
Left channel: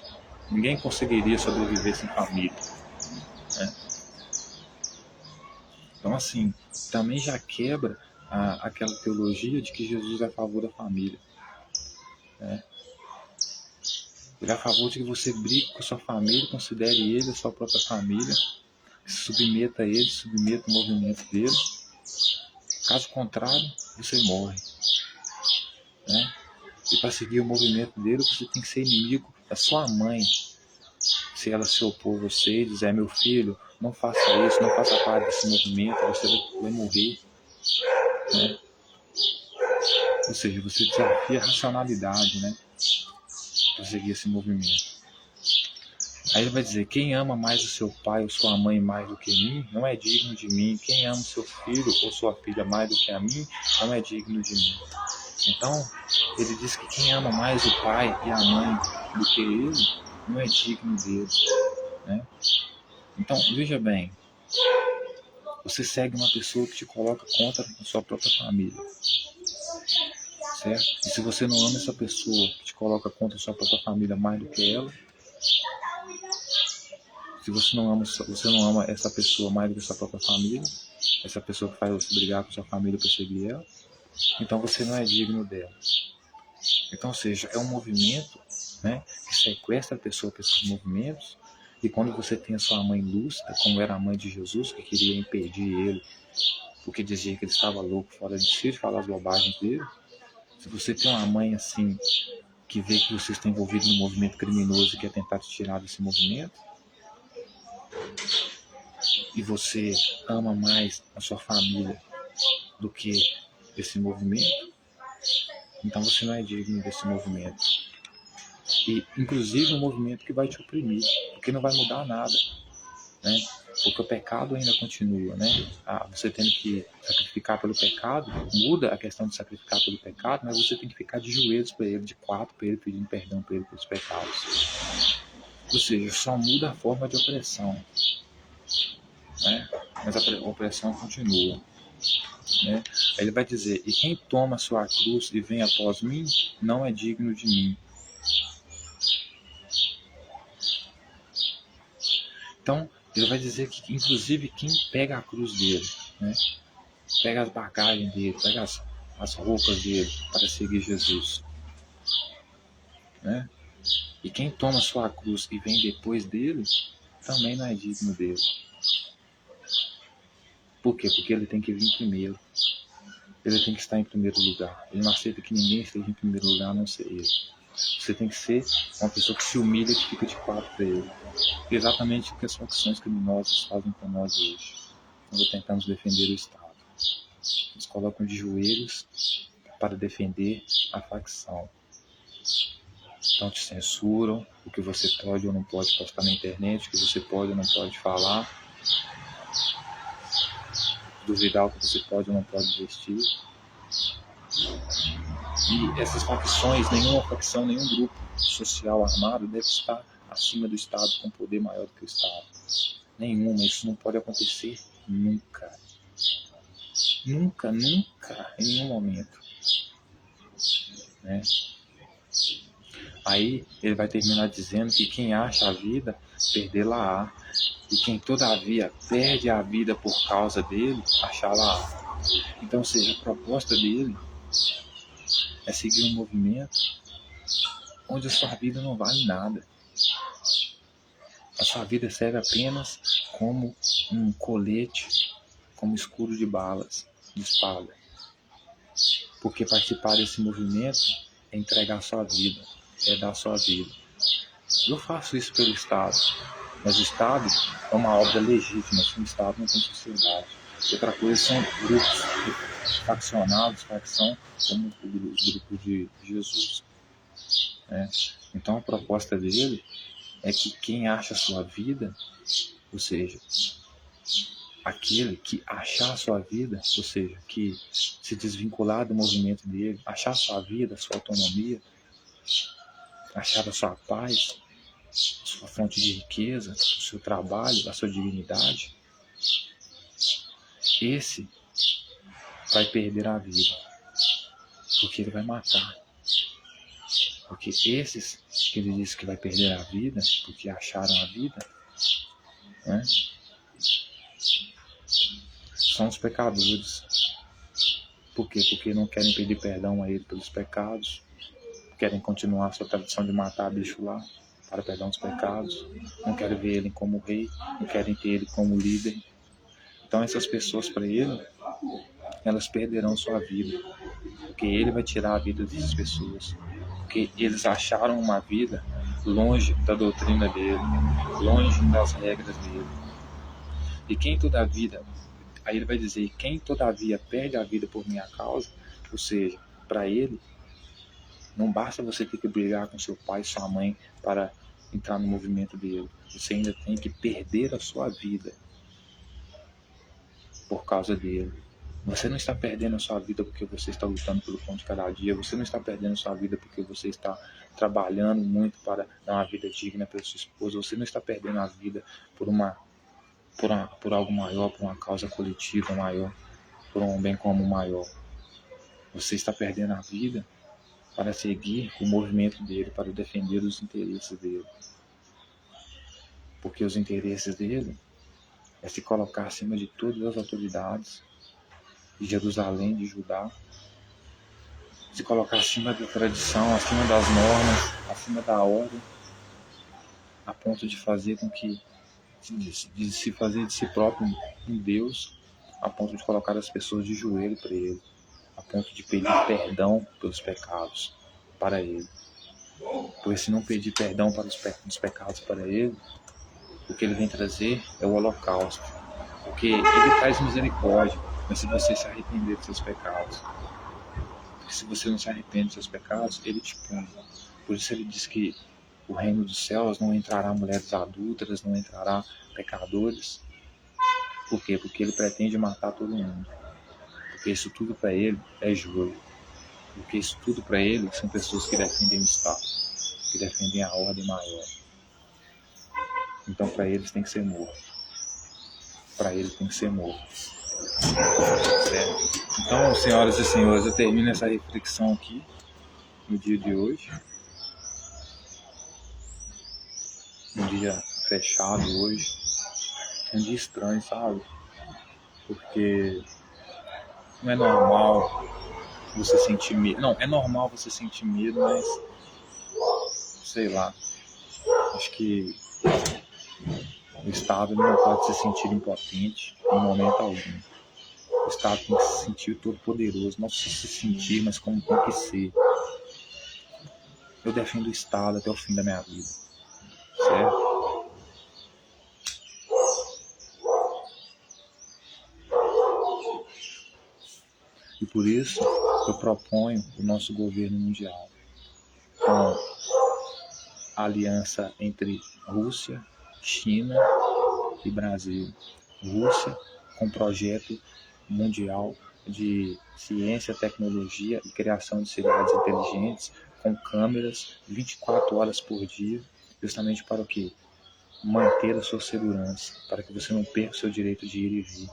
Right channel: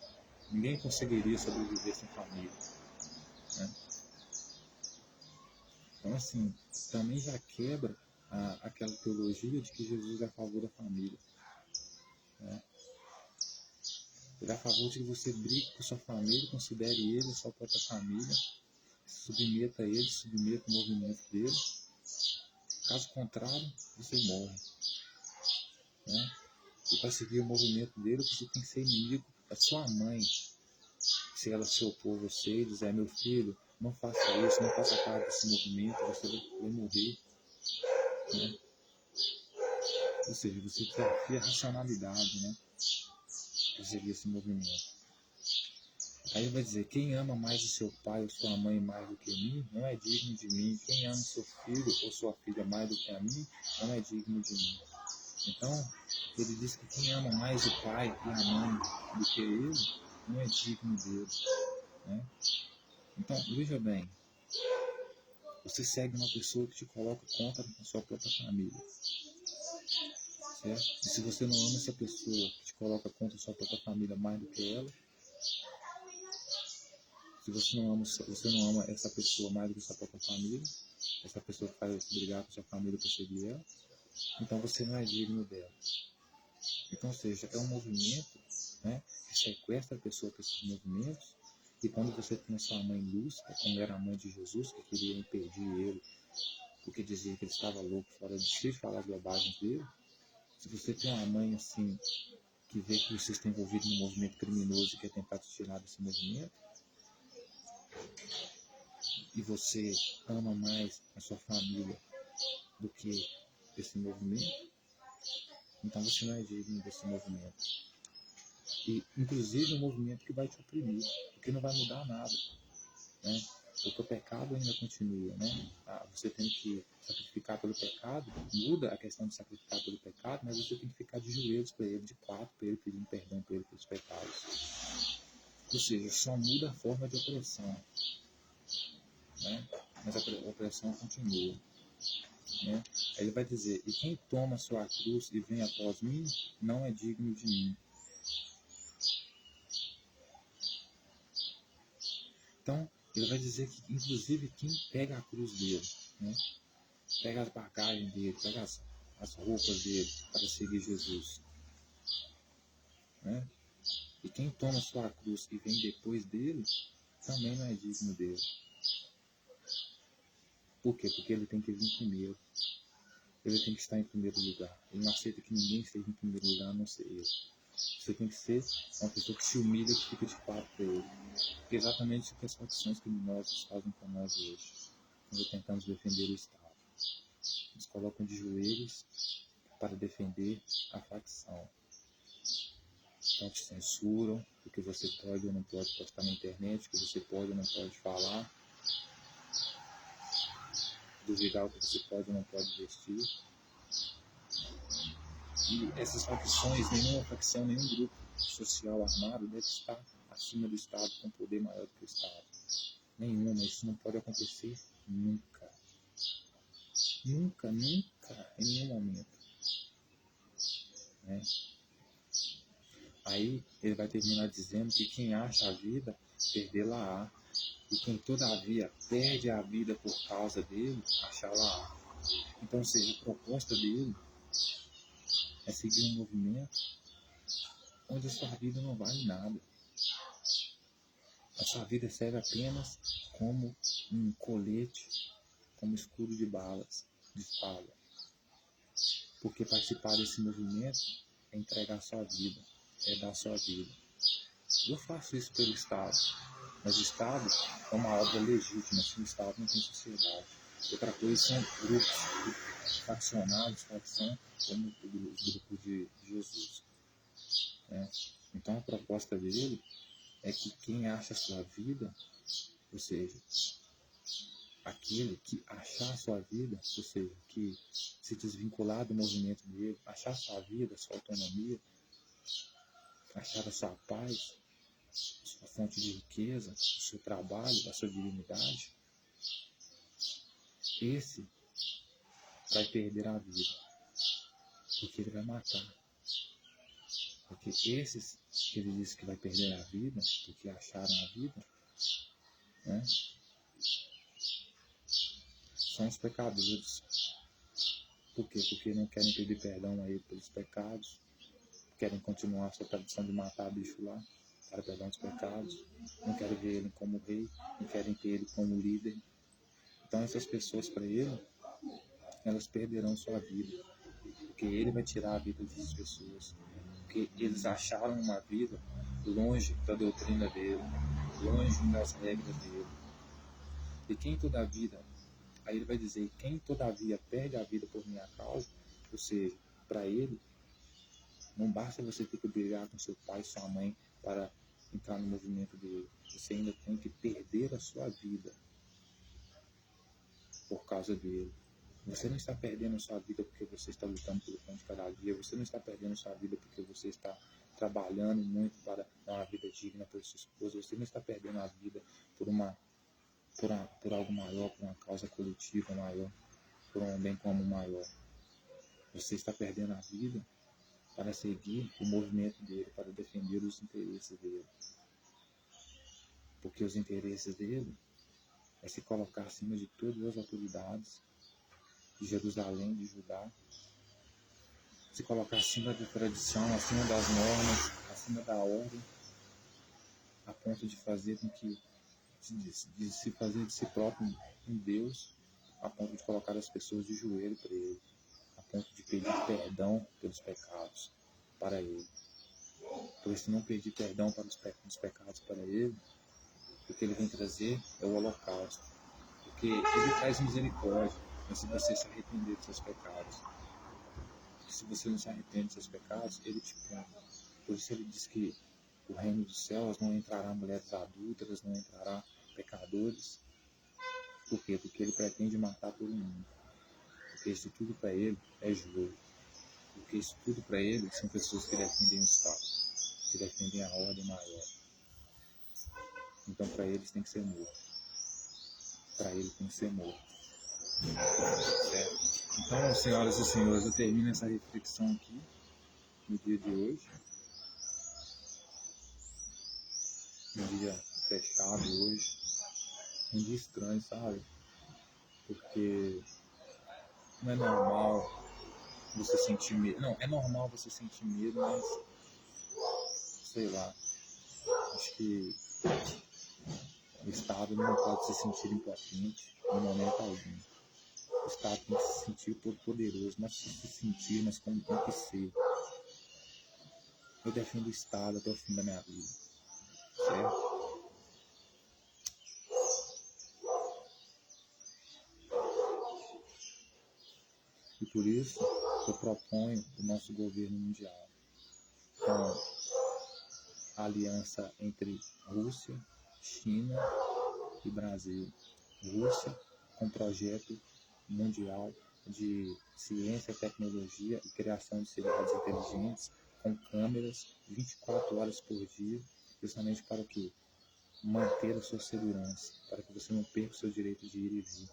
Ninguém conseguiria sobreviver sem família, né. Então, assim, também já quebra aquela teologia de que Jesus é a favor da família, né. Ele é a favor de que você brigue com a sua família, considere ele a sua própria família, se submeta a ele, submeta o movimento dele. Caso contrário, você morre. Né? E para seguir o movimento dele, você tem que ser inimigo da sua mãe. Se ela se opor a você e dizer, meu filho, não faça isso, não faça parte desse movimento, você vai morrer. Né? Ou seja, você desafia a racionalidade, né? Para seguir esse movimento. Aí ele vai dizer: quem ama mais o seu pai ou sua mãe mais do que mim, não é digno de mim. Quem ama o seu filho ou sua filha mais do que a mim, não é digno de mim. Então, ele diz que quem ama mais o pai e a mãe do que ele, não é digno dele, né? Então, veja bem, você segue uma pessoa que te coloca contra a sua própria família, certo? E se você não ama essa pessoa que te coloca contra a sua própria família mais do que ela, se você não ama essa pessoa mais do que a sua própria família, essa pessoa que faz você brigar com sua família para seguir ela, então você não é digno dela. Então, ou seja, é um movimento, né, que sequestra a pessoa para esses movimentos. E quando você tem a sua mãe lúcida, como era a mãe de Jesus, que queria impedir ele, porque dizia que ele estava louco, fora de si, de falar as bobagens dele, se você tem uma mãe assim, que vê que você está envolvido num movimento criminoso e quer tentar te tirar desse movimento, e você ama mais a sua família do que esse movimento, então você não é digno desse movimento. E, inclusive, um movimento que vai te oprimir, porque não vai mudar nada, né? Porque o pecado ainda continua, né? Você tendo que sacrificar pelo pecado, muda a questão de sacrificar pelo pecado, mas você tem que ficar de joelhos para ele, de quatro para ele, pedindo perdão para ele pelos pecados. Ou seja, só muda a forma de opressão, né? Mas a opressão continua, né? Aí ele vai dizer: e quem toma sua cruz e vem após mim, não é digno de mim. Então, ele vai dizer que, inclusive, quem pega a cruz dele, né, pega as bagagens dele, pega as roupas dele para seguir Jesus, né, e quem toma sua cruz e vem depois dele, também não é digno dele. Por quê? Porque ele tem que vir primeiro. Ele tem que estar em primeiro lugar. Ele não aceita que ninguém esteja em primeiro lugar, a não ser ele. Você tem que ser uma pessoa que se humilha e que fica de quatro para ele. Exatamente o que as facções criminosas fazem com nós hoje, quando tentamos defender o Estado. Eles colocam de joelhos para defender a facção. Então te censuram o que você pode ou não pode postar na internet, o que você pode ou não pode falar, duvidar o que você pode ou não pode vestir. E essas facções, nenhuma facção, nenhum grupo social armado deve estar acima do Estado, com poder maior do que o Estado. Nenhuma, isso não pode acontecer nunca. Nunca, nunca, em nenhum momento, né? Aí ele vai terminar dizendo que quem acha a vida, perdê-la-á. E quem todavia perde a vida por causa dele, achá-la-á. Então, ou seja, a proposta dele é seguir um movimento onde a sua vida não vale nada. A sua vida serve apenas como um colete, como escudo de balas, de espada. Porque participar desse movimento é entregar a sua vida, é dar a sua vida. Eu faço isso pelo Estado, mas o Estado é uma obra legítima, sem Estado não tem sociedade. Outra coisa são grupos faccionados, facção, como os grupos de Jesus, né? Então a proposta dele é que quem acha a sua vida, ou seja, aquele que achar a sua vida, ou seja, que se desvincular do movimento dele, achar a sua vida, a sua autonomia, achar a sua paz, a sua fonte de riqueza, o seu trabalho, a sua dignidade, esse vai perder a vida, porque ele vai matar. Porque esses que ele diz que vai perder a vida, porque acharam a vida, né, são os pecadores. Por quê? Porque não querem pedir perdão a ele pelos pecados, querem continuar a sua tradição de matar bicho lá, para perdão dos pecados, não querem ver ele como rei, não querem ter ele como líder. Então essas pessoas, para ele, elas perderão sua vida, porque ele vai tirar a vida dessas pessoas, porque eles acharam uma vida longe da doutrina dele, longe das regras dele. E quem todavia, aí ele vai dizer, quem todavia perde a vida por minha causa, ou seja, para ele, não basta você ter que brigar com seu pai e sua mãe para entrar no movimento dele. Você ainda tem que perder a sua vida por causa dele. Você não está perdendo a sua vida porque você está lutando pelo pão de cada dia. Você não está perdendo a sua vida porque você está trabalhando muito para dar uma vida digna para sua esposa. Você não está perdendo a vida por algo maior, por uma causa coletiva maior, por um bem comum maior. Você está perdendo a vida para seguir o movimento dele, para defender os interesses dele. Porque os interesses dele é se colocar acima de todas as autoridades de Jerusalém, de Judá, se colocar acima da tradição, acima das normas, acima da ordem, a ponto de fazer com que, de se fazer de si próprio um Deus, a ponto de colocar as pessoas de joelho para ele, a ponto de pedir perdão pelos pecados para ele. Porque se não pedir perdão para os pecados para ele, o que ele vem trazer é o holocausto. Porque ele traz misericórdia, mas se você se arrepender dos seus pecados, porque se você não se arrepende dos seus pecados, ele te pune. Por isso ele diz que o reino dos céus não entrará mulheres adúlteras, não entrará pecadores. Por quê? Porque ele pretende matar todo mundo. Porque isso tudo para ele é jogo. Porque isso tudo para ele são pessoas que defendem o Estado, que defendem a ordem maior. Então para eles tem que ser morto. Para ele tem que ser morto. Certo? Então, senhoras e senhores, eu termino essa reflexão aqui no dia de hoje. Um dia fechado hoje. Um dia estranho, sabe? Porque não é normal você sentir medo. Não, é normal você sentir medo, mas sei lá. Acho que o Estado não pode se sentir impotente em momento algum. O Estado tem que se sentir todo poderoso, não só se sentir, mas como tem que ser. Eu defendo o Estado até o fim da minha vida, certo? E por isso eu proponho o nosso governo mundial com a aliança entre Rússia, China e Brasil. Rússia com projeto mundial de ciência, tecnologia e criação de cidades inteligentes com câmeras 24 horas por dia, justamente para o quê? Manter a sua segurança, para que você não perca o seu direito de ir e vir,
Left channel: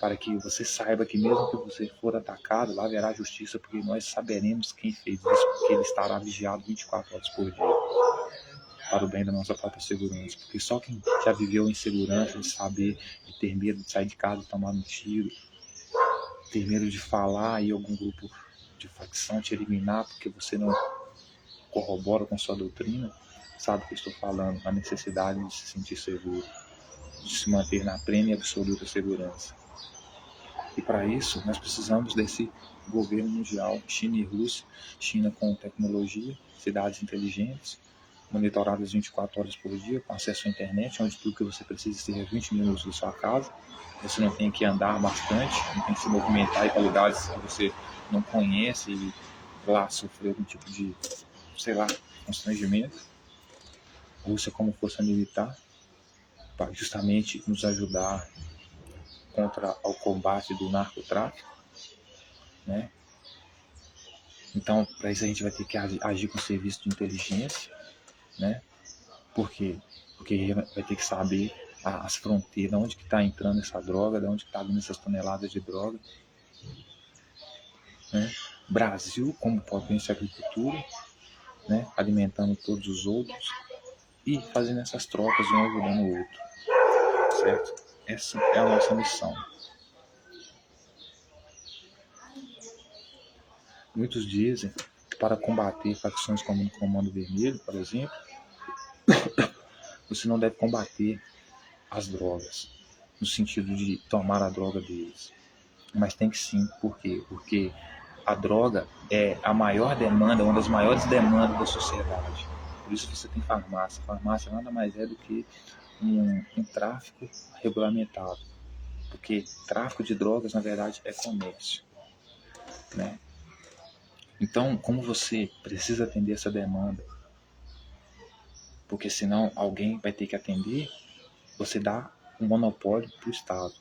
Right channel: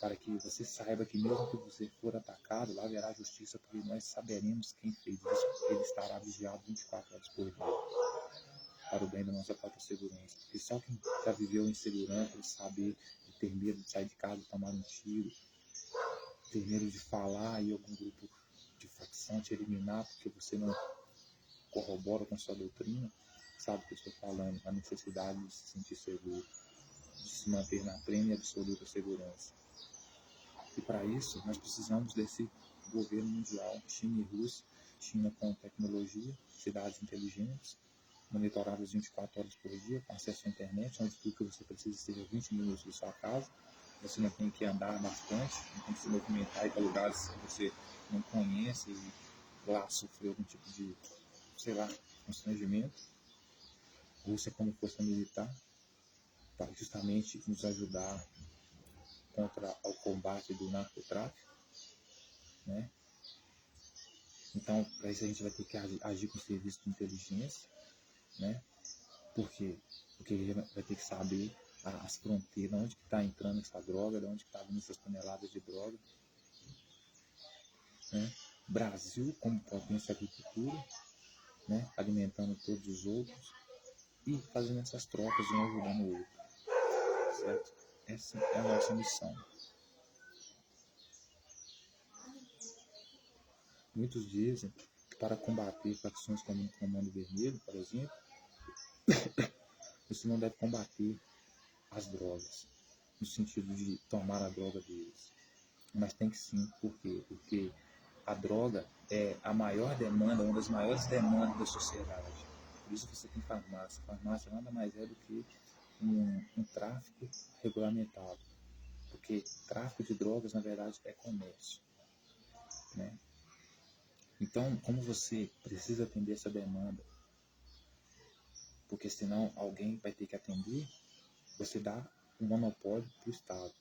para que você saiba que mesmo que você for atacado, lá haverá justiça, porque nós saberemos quem fez isso, porque ele estará vigiado 24 horas por dia, para o bem da nossa própria segurança, porque só quem já viveu em segurança, de saber, de ter medo de sair de casa e tomar um tiro, ter medo de falar e algum grupo de facção te eliminar porque você não corrobora com sua doutrina, sabe o que eu estou falando, a necessidade de se sentir seguro, de se manter na plena e absoluta segurança. E para isso, nós precisamos desse governo mundial, China e Rússia, China com tecnologia, cidades inteligentes, monitoradas 24 horas por dia, com acesso à internet, onde tudo que você precisa esteja 20 minutos da sua casa, você não tem que andar bastante, não tem que se movimentar para lugares que você não conhece e lá sofrer algum tipo de, sei lá, constrangimento. Rússia como força militar, para justamente nos ajudar contra o combate do narcotráfico, né? Então, para isso a gente vai ter que agir com serviço de inteligência, né? Por quê? Porque vai ter que saber as fronteiras, onde que está entrando essa droga, de onde que está vindo essas toneladas de droga, né? Brasil como potência agricultura, né? Alimentando todos os outros e fazendo essas trocas, um ajudando o outro, certo? Essa é a nossa missão. Muitos dizem que para combater facções como o Comando Vermelho, por exemplo, você não deve combater as drogas, no sentido de tomar a droga deles. Mas tem que sim, por quê? Porque a droga é a maior demanda, uma das maiores demandas da sociedade. Por isso você tem farmácia. Farmácia nada mais é do que um tráfico regulamentado. Porque tráfico de drogas, na verdade, é comércio, né? Então, como você precisa atender essa demanda porque senão alguém vai ter que atender. Você dá um monopólio para o Estado.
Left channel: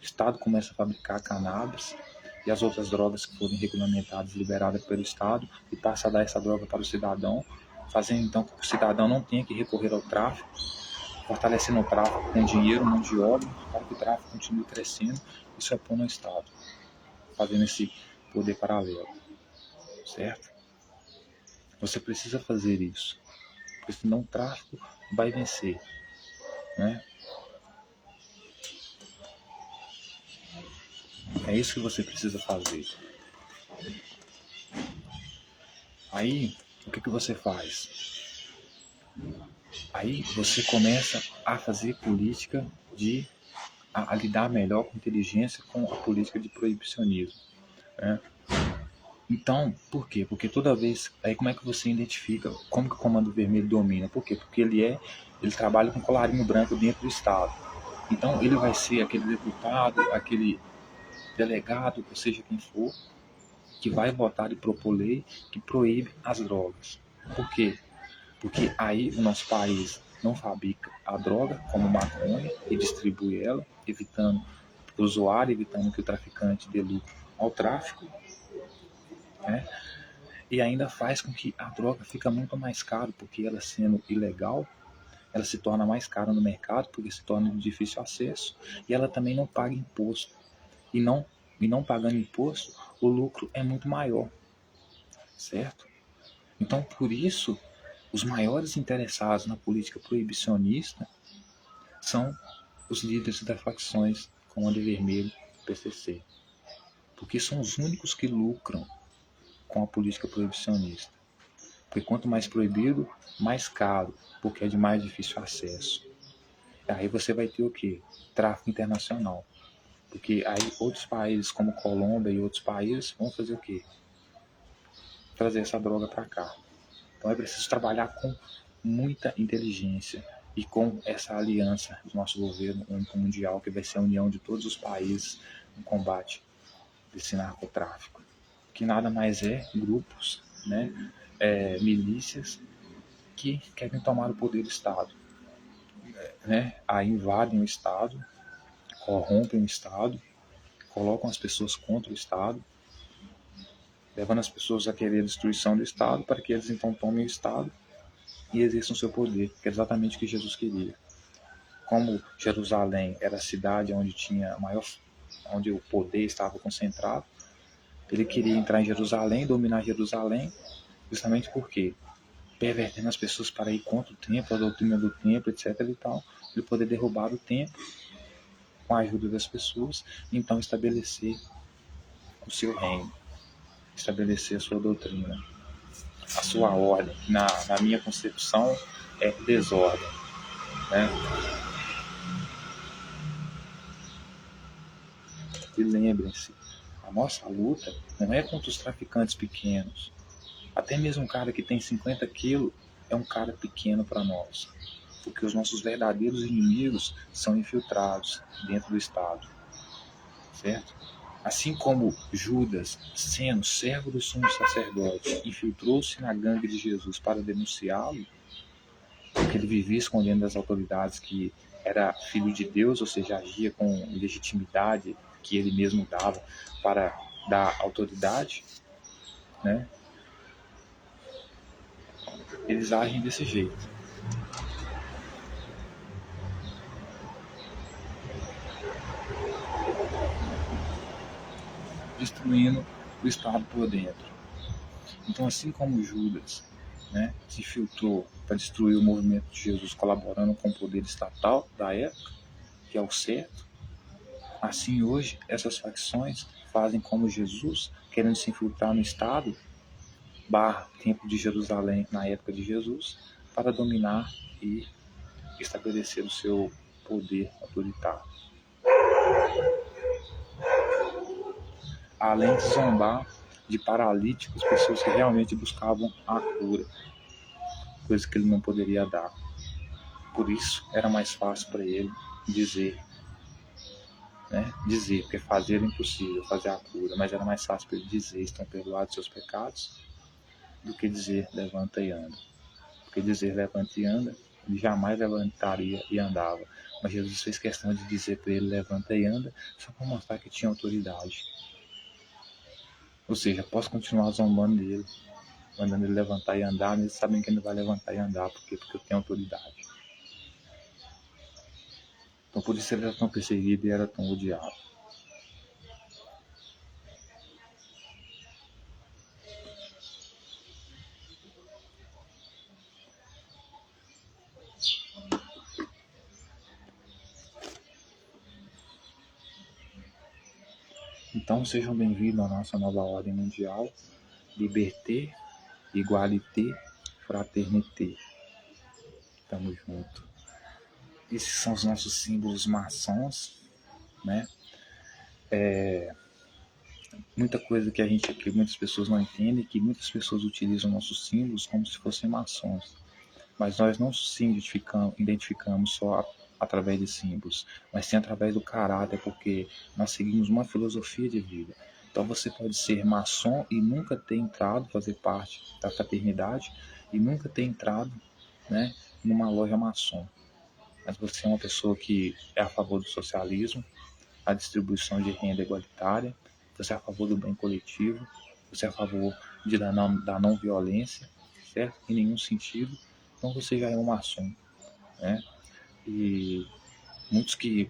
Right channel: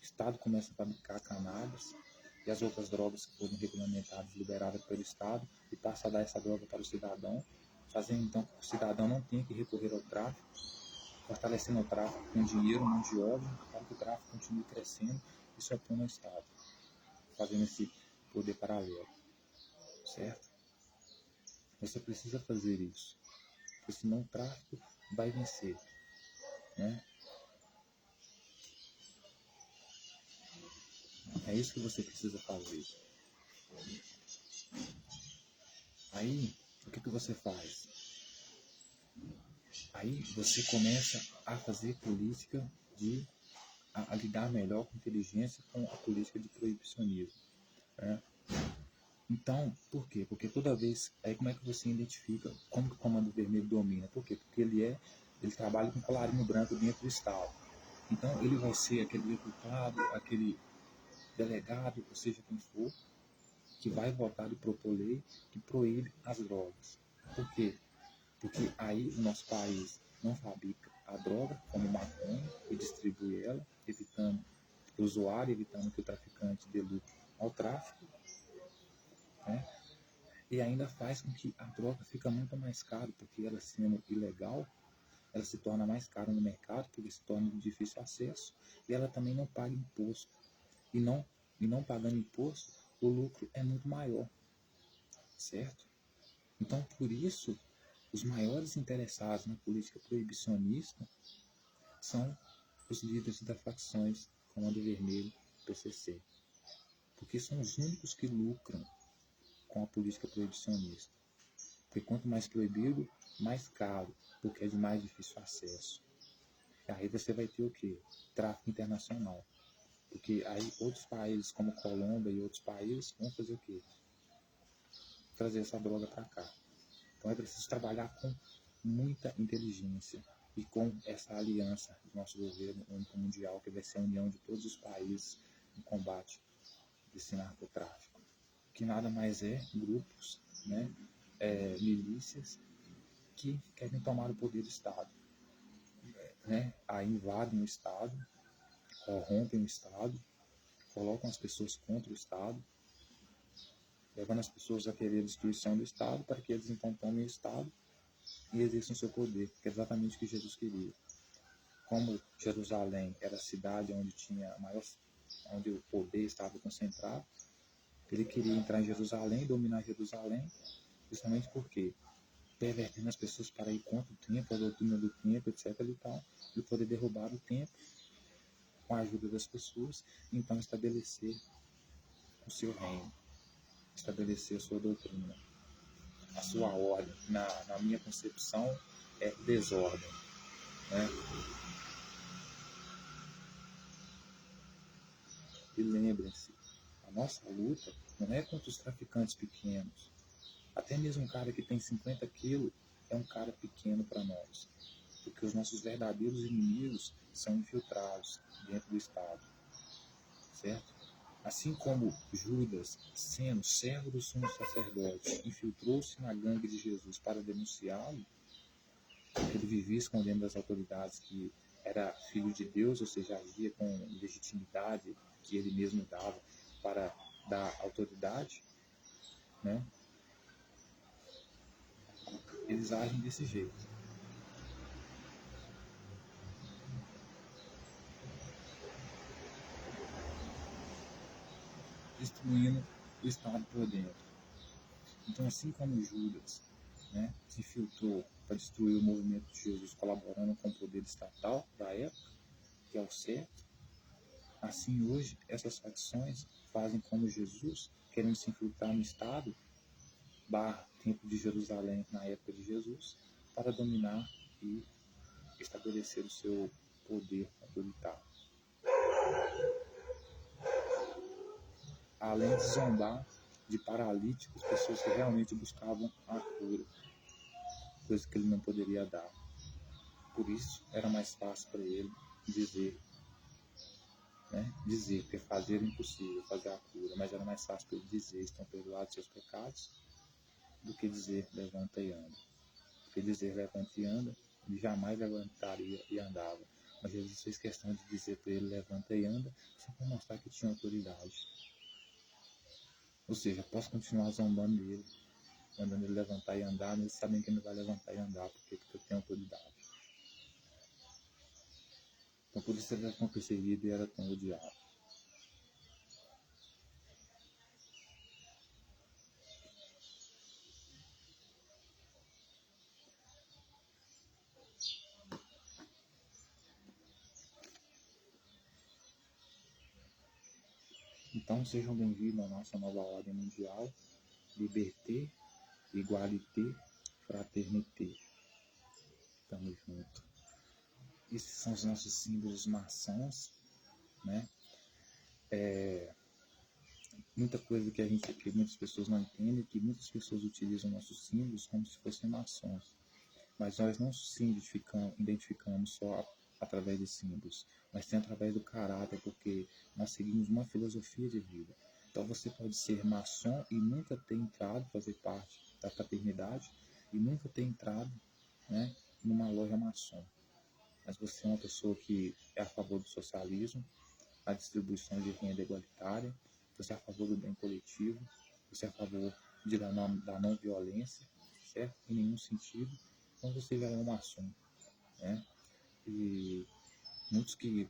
O Estado começa a fabricar cannabis e as outras drogas que forem regulamentadas, liberadas pelo Estado, e passa a dar essa droga para o cidadão, fazendo então que o cidadão não tenha que recorrer ao tráfico, fortalecendo o tráfico com dinheiro, mão de obra, para que o tráfico continue crescendo e se opondo ao Estado, fazendo esse poder paralelo, certo? Você precisa fazer isso, porque senão o tráfico vai vencer, né? É isso que você precisa fazer. Aí, o que você faz? Aí você começa a fazer política a lidar melhor com inteligência com a política de proibicionismo, né? Então, por quê? Porque toda vez, aí como é que você identifica como que o Comando Vermelho domina? Por quê? Porque ele trabalha com colarinho branco dentro do Estado. Então ele vai ser aquele deputado, aquele delegado, ou seja quem for, que vai votar e propor lei que proíbe as drogas. Por quê? Porque aí o nosso país não fabrica a droga como maconha e distribui ela, evitando o usuário, evitando que o traficante dê lucro ao tráfico, né? E ainda faz com que a droga fica muito mais cara, porque ela sendo ilegal, ela se torna mais cara no mercado, porque se torna de difícil acesso, e ela também não paga imposto. E não pagando imposto, o lucro é muito maior, certo? Então, por isso, os maiores interessados na política proibicionista são os líderes das facções Comando Vermelho e PCC, porque são os únicos que lucram com a política proibicionista. Porque quanto mais proibido, mais caro, porque é de mais difícil acesso. E aí você vai ter o quê? Tráfico internacional. Porque aí outros países como Colômbia e outros países vão fazer o quê? Trazer essa droga para cá. Então é preciso trabalhar com muita inteligência e com essa aliança do nosso governo único mundial, que vai ser a união de todos os países no combate desse narcotráfico, que nada mais é grupos, né, milícias que querem tomar o poder do Estado, né, aí invadem o Estado, corrompem o Estado, colocam as pessoas contra o Estado, levando as pessoas a querer a destruição do Estado para que eles então tomem o Estado e exerçam seu poder, que é exatamente o que Jesus queria. Como Jerusalém era a cidade onde tinha maior, onde o poder estava concentrado, ele queria entrar em Jerusalém, dominar Jerusalém, justamente porque pervertendo as pessoas para ir contra o templo, a doutrina do templo, etc. e tal, ele poder derrubar o templo com a ajuda das pessoas, então estabelecer o seu reino, estabelecer a sua doutrina, a sua ordem, que na minha concepção é desordem, né? E lembrem-se, a nossa luta não é contra os traficantes pequenos. Até mesmo um cara que tem 50 quilos é um cara pequeno para nós, porque os nossos verdadeiros inimigos são infiltrados dentro do Estado, certo? Assim como Judas, sendo servo do sumo sacerdote, infiltrou-se na gangue de Jesus para denunciá-lo, porque ele vivia escondendo das autoridades que era filho de Deus, ou seja, agia com legitimidade que ele mesmo dava para dar autoridade, né? Eles agem desse jeito, destruindo o Estado por dentro. Então, assim como Judas, né, se infiltrou para destruir o movimento de Jesus, colaborando com o poder estatal da época, que é o certo, assim hoje essas facções fazem como Jesus, querendo se infiltrar no Estado, Templo de Jerusalém na época de Jesus, para dominar e estabelecer o seu poder autoritário. Além de zombar de paralíticos, pessoas que realmente buscavam a cura, coisa que ele não poderia dar. Por isso era mais fácil para ele dizer, né? Dizer, porque fazer é impossível, fazer a cura, mas era mais fácil para ele dizer: estão perdoados seus pecados, do que dizer: levanta e anda. Porque dizer levanta e anda ele jamais levantaria e andava. Mas Jesus fez questão de dizer para ele: levanta e anda, só para mostrar que tinha autoridade. Ou seja, posso continuar zombando dele, mandando ele levantar e andar, mesmo sabendo que ele vai levantar e andar, porque eu tenho autoridade. Então por isso ele era tão perseguido e era tão odiado. Então sejam bem-vindos à nossa nova ordem mundial, Liberté, Igualité, Fraternité. Tamo junto. Esses são os nossos símbolos maçons, né? Muita coisa que muitas pessoas não entendem, que muitas pessoas utilizam nossos símbolos como se fossem maçons. Mas nós não se identificamos só através de símbolos, mas sim através do caráter, porque nós seguimos uma filosofia de vida. Então você pode ser maçom e nunca ter entrado, fazer parte da fraternidade e nunca ter entrado, né, numa loja maçom. Mas você é uma pessoa que é a favor do socialismo, a distribuição de renda igualitária, você é a favor do bem coletivo, você é a favor da não violência, certo? Em nenhum sentido. Então você já é um maçom, né? E muitos que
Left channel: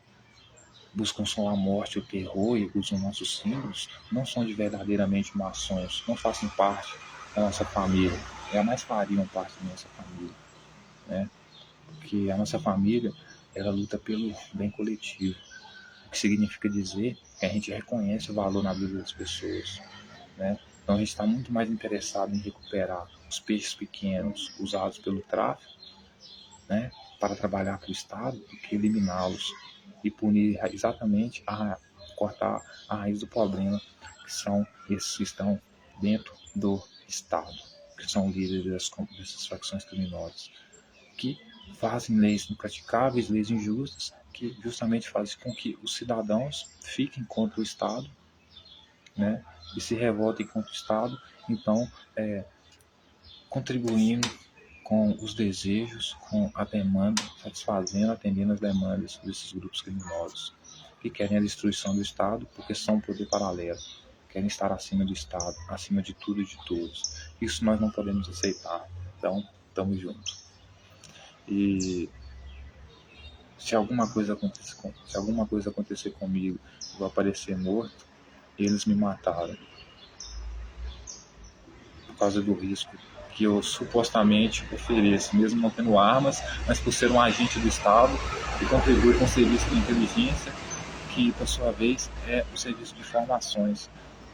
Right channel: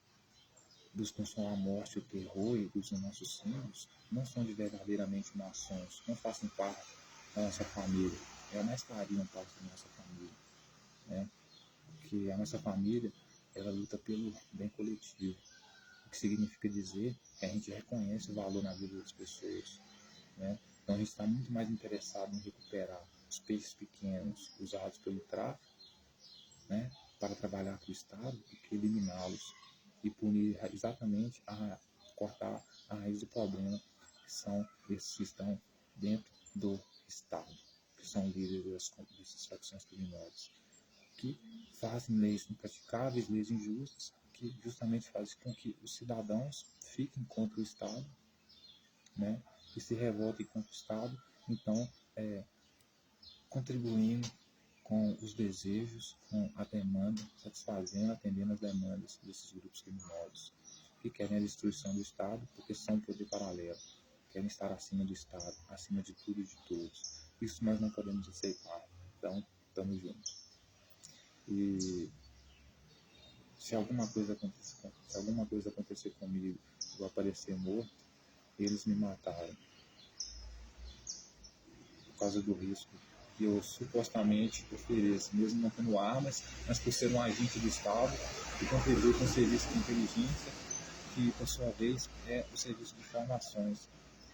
buscam só a morte, o terror e usam nossos símbolos não são de verdadeiramente maçons, não fazem parte da nossa família, jamais fariam parte da nossa família, né? Porque a nossa família, ela luta pelo bem coletivo, o que significa dizer que a gente reconhece o valor na vida das pessoas, né? Então a gente está muito mais interessado em recuperar os peixes pequenos usados pelo tráfico, né, para trabalhar para o Estado, do que eliminá-los e punir exatamente, cortar a raiz do problema, que são esses que estão dentro do Estado, que são líderes dessas facções criminosas, que fazem leis impraticáveis, leis injustas, que justamente fazem com que os cidadãos fiquem contra o Estado, né, e se revoltem contra o Estado, então contribuindo com os desejos, com a demanda, satisfazendo, atendendo as demandas desses grupos criminosos, que querem a destruição do Estado porque são um poder paralelo, querem estar acima do Estado, acima de tudo e de todos. Isso nós não podemos aceitar. Então, estamos juntos. E se alguma coisa acontecer comigo, eu vou aparecer morto, eles me mataram por causa do risco que eu supostamente ofereço, mesmo não tendo armas, mas por ser um agente do Estado que contribui com o serviço de inteligência, que por sua vez é o serviço de informações,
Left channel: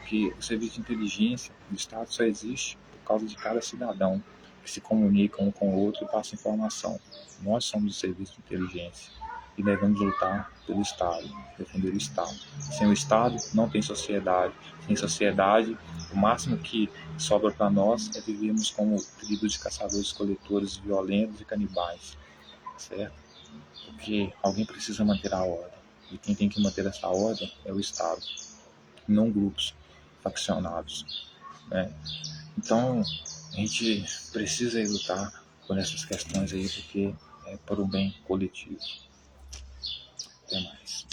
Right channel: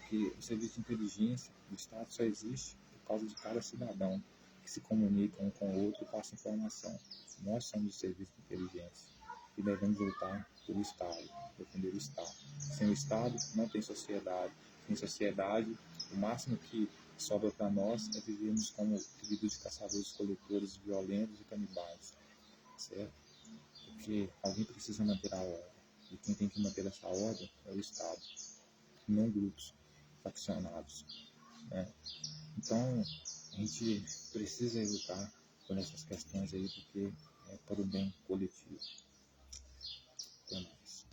que o serviço de inteligência do Estado só existe por causa de cada cidadão que se comunica um com o outro e passa informação. Nós somos o serviço de inteligência e devemos lutar pelo Estado, defender o Estado. Sem o Estado, não tem sociedade. Sem sociedade, o máximo que sobra para nós é vivermos como tribo de caçadores-coletores violentos e canibais, certo? Porque alguém precisa manter a ordem. E quem tem que manter essa ordem é o Estado, não grupos faccionados, né? Então, a gente precisa lutar por essas questões aí, porque é por um bem coletivo. Até mais.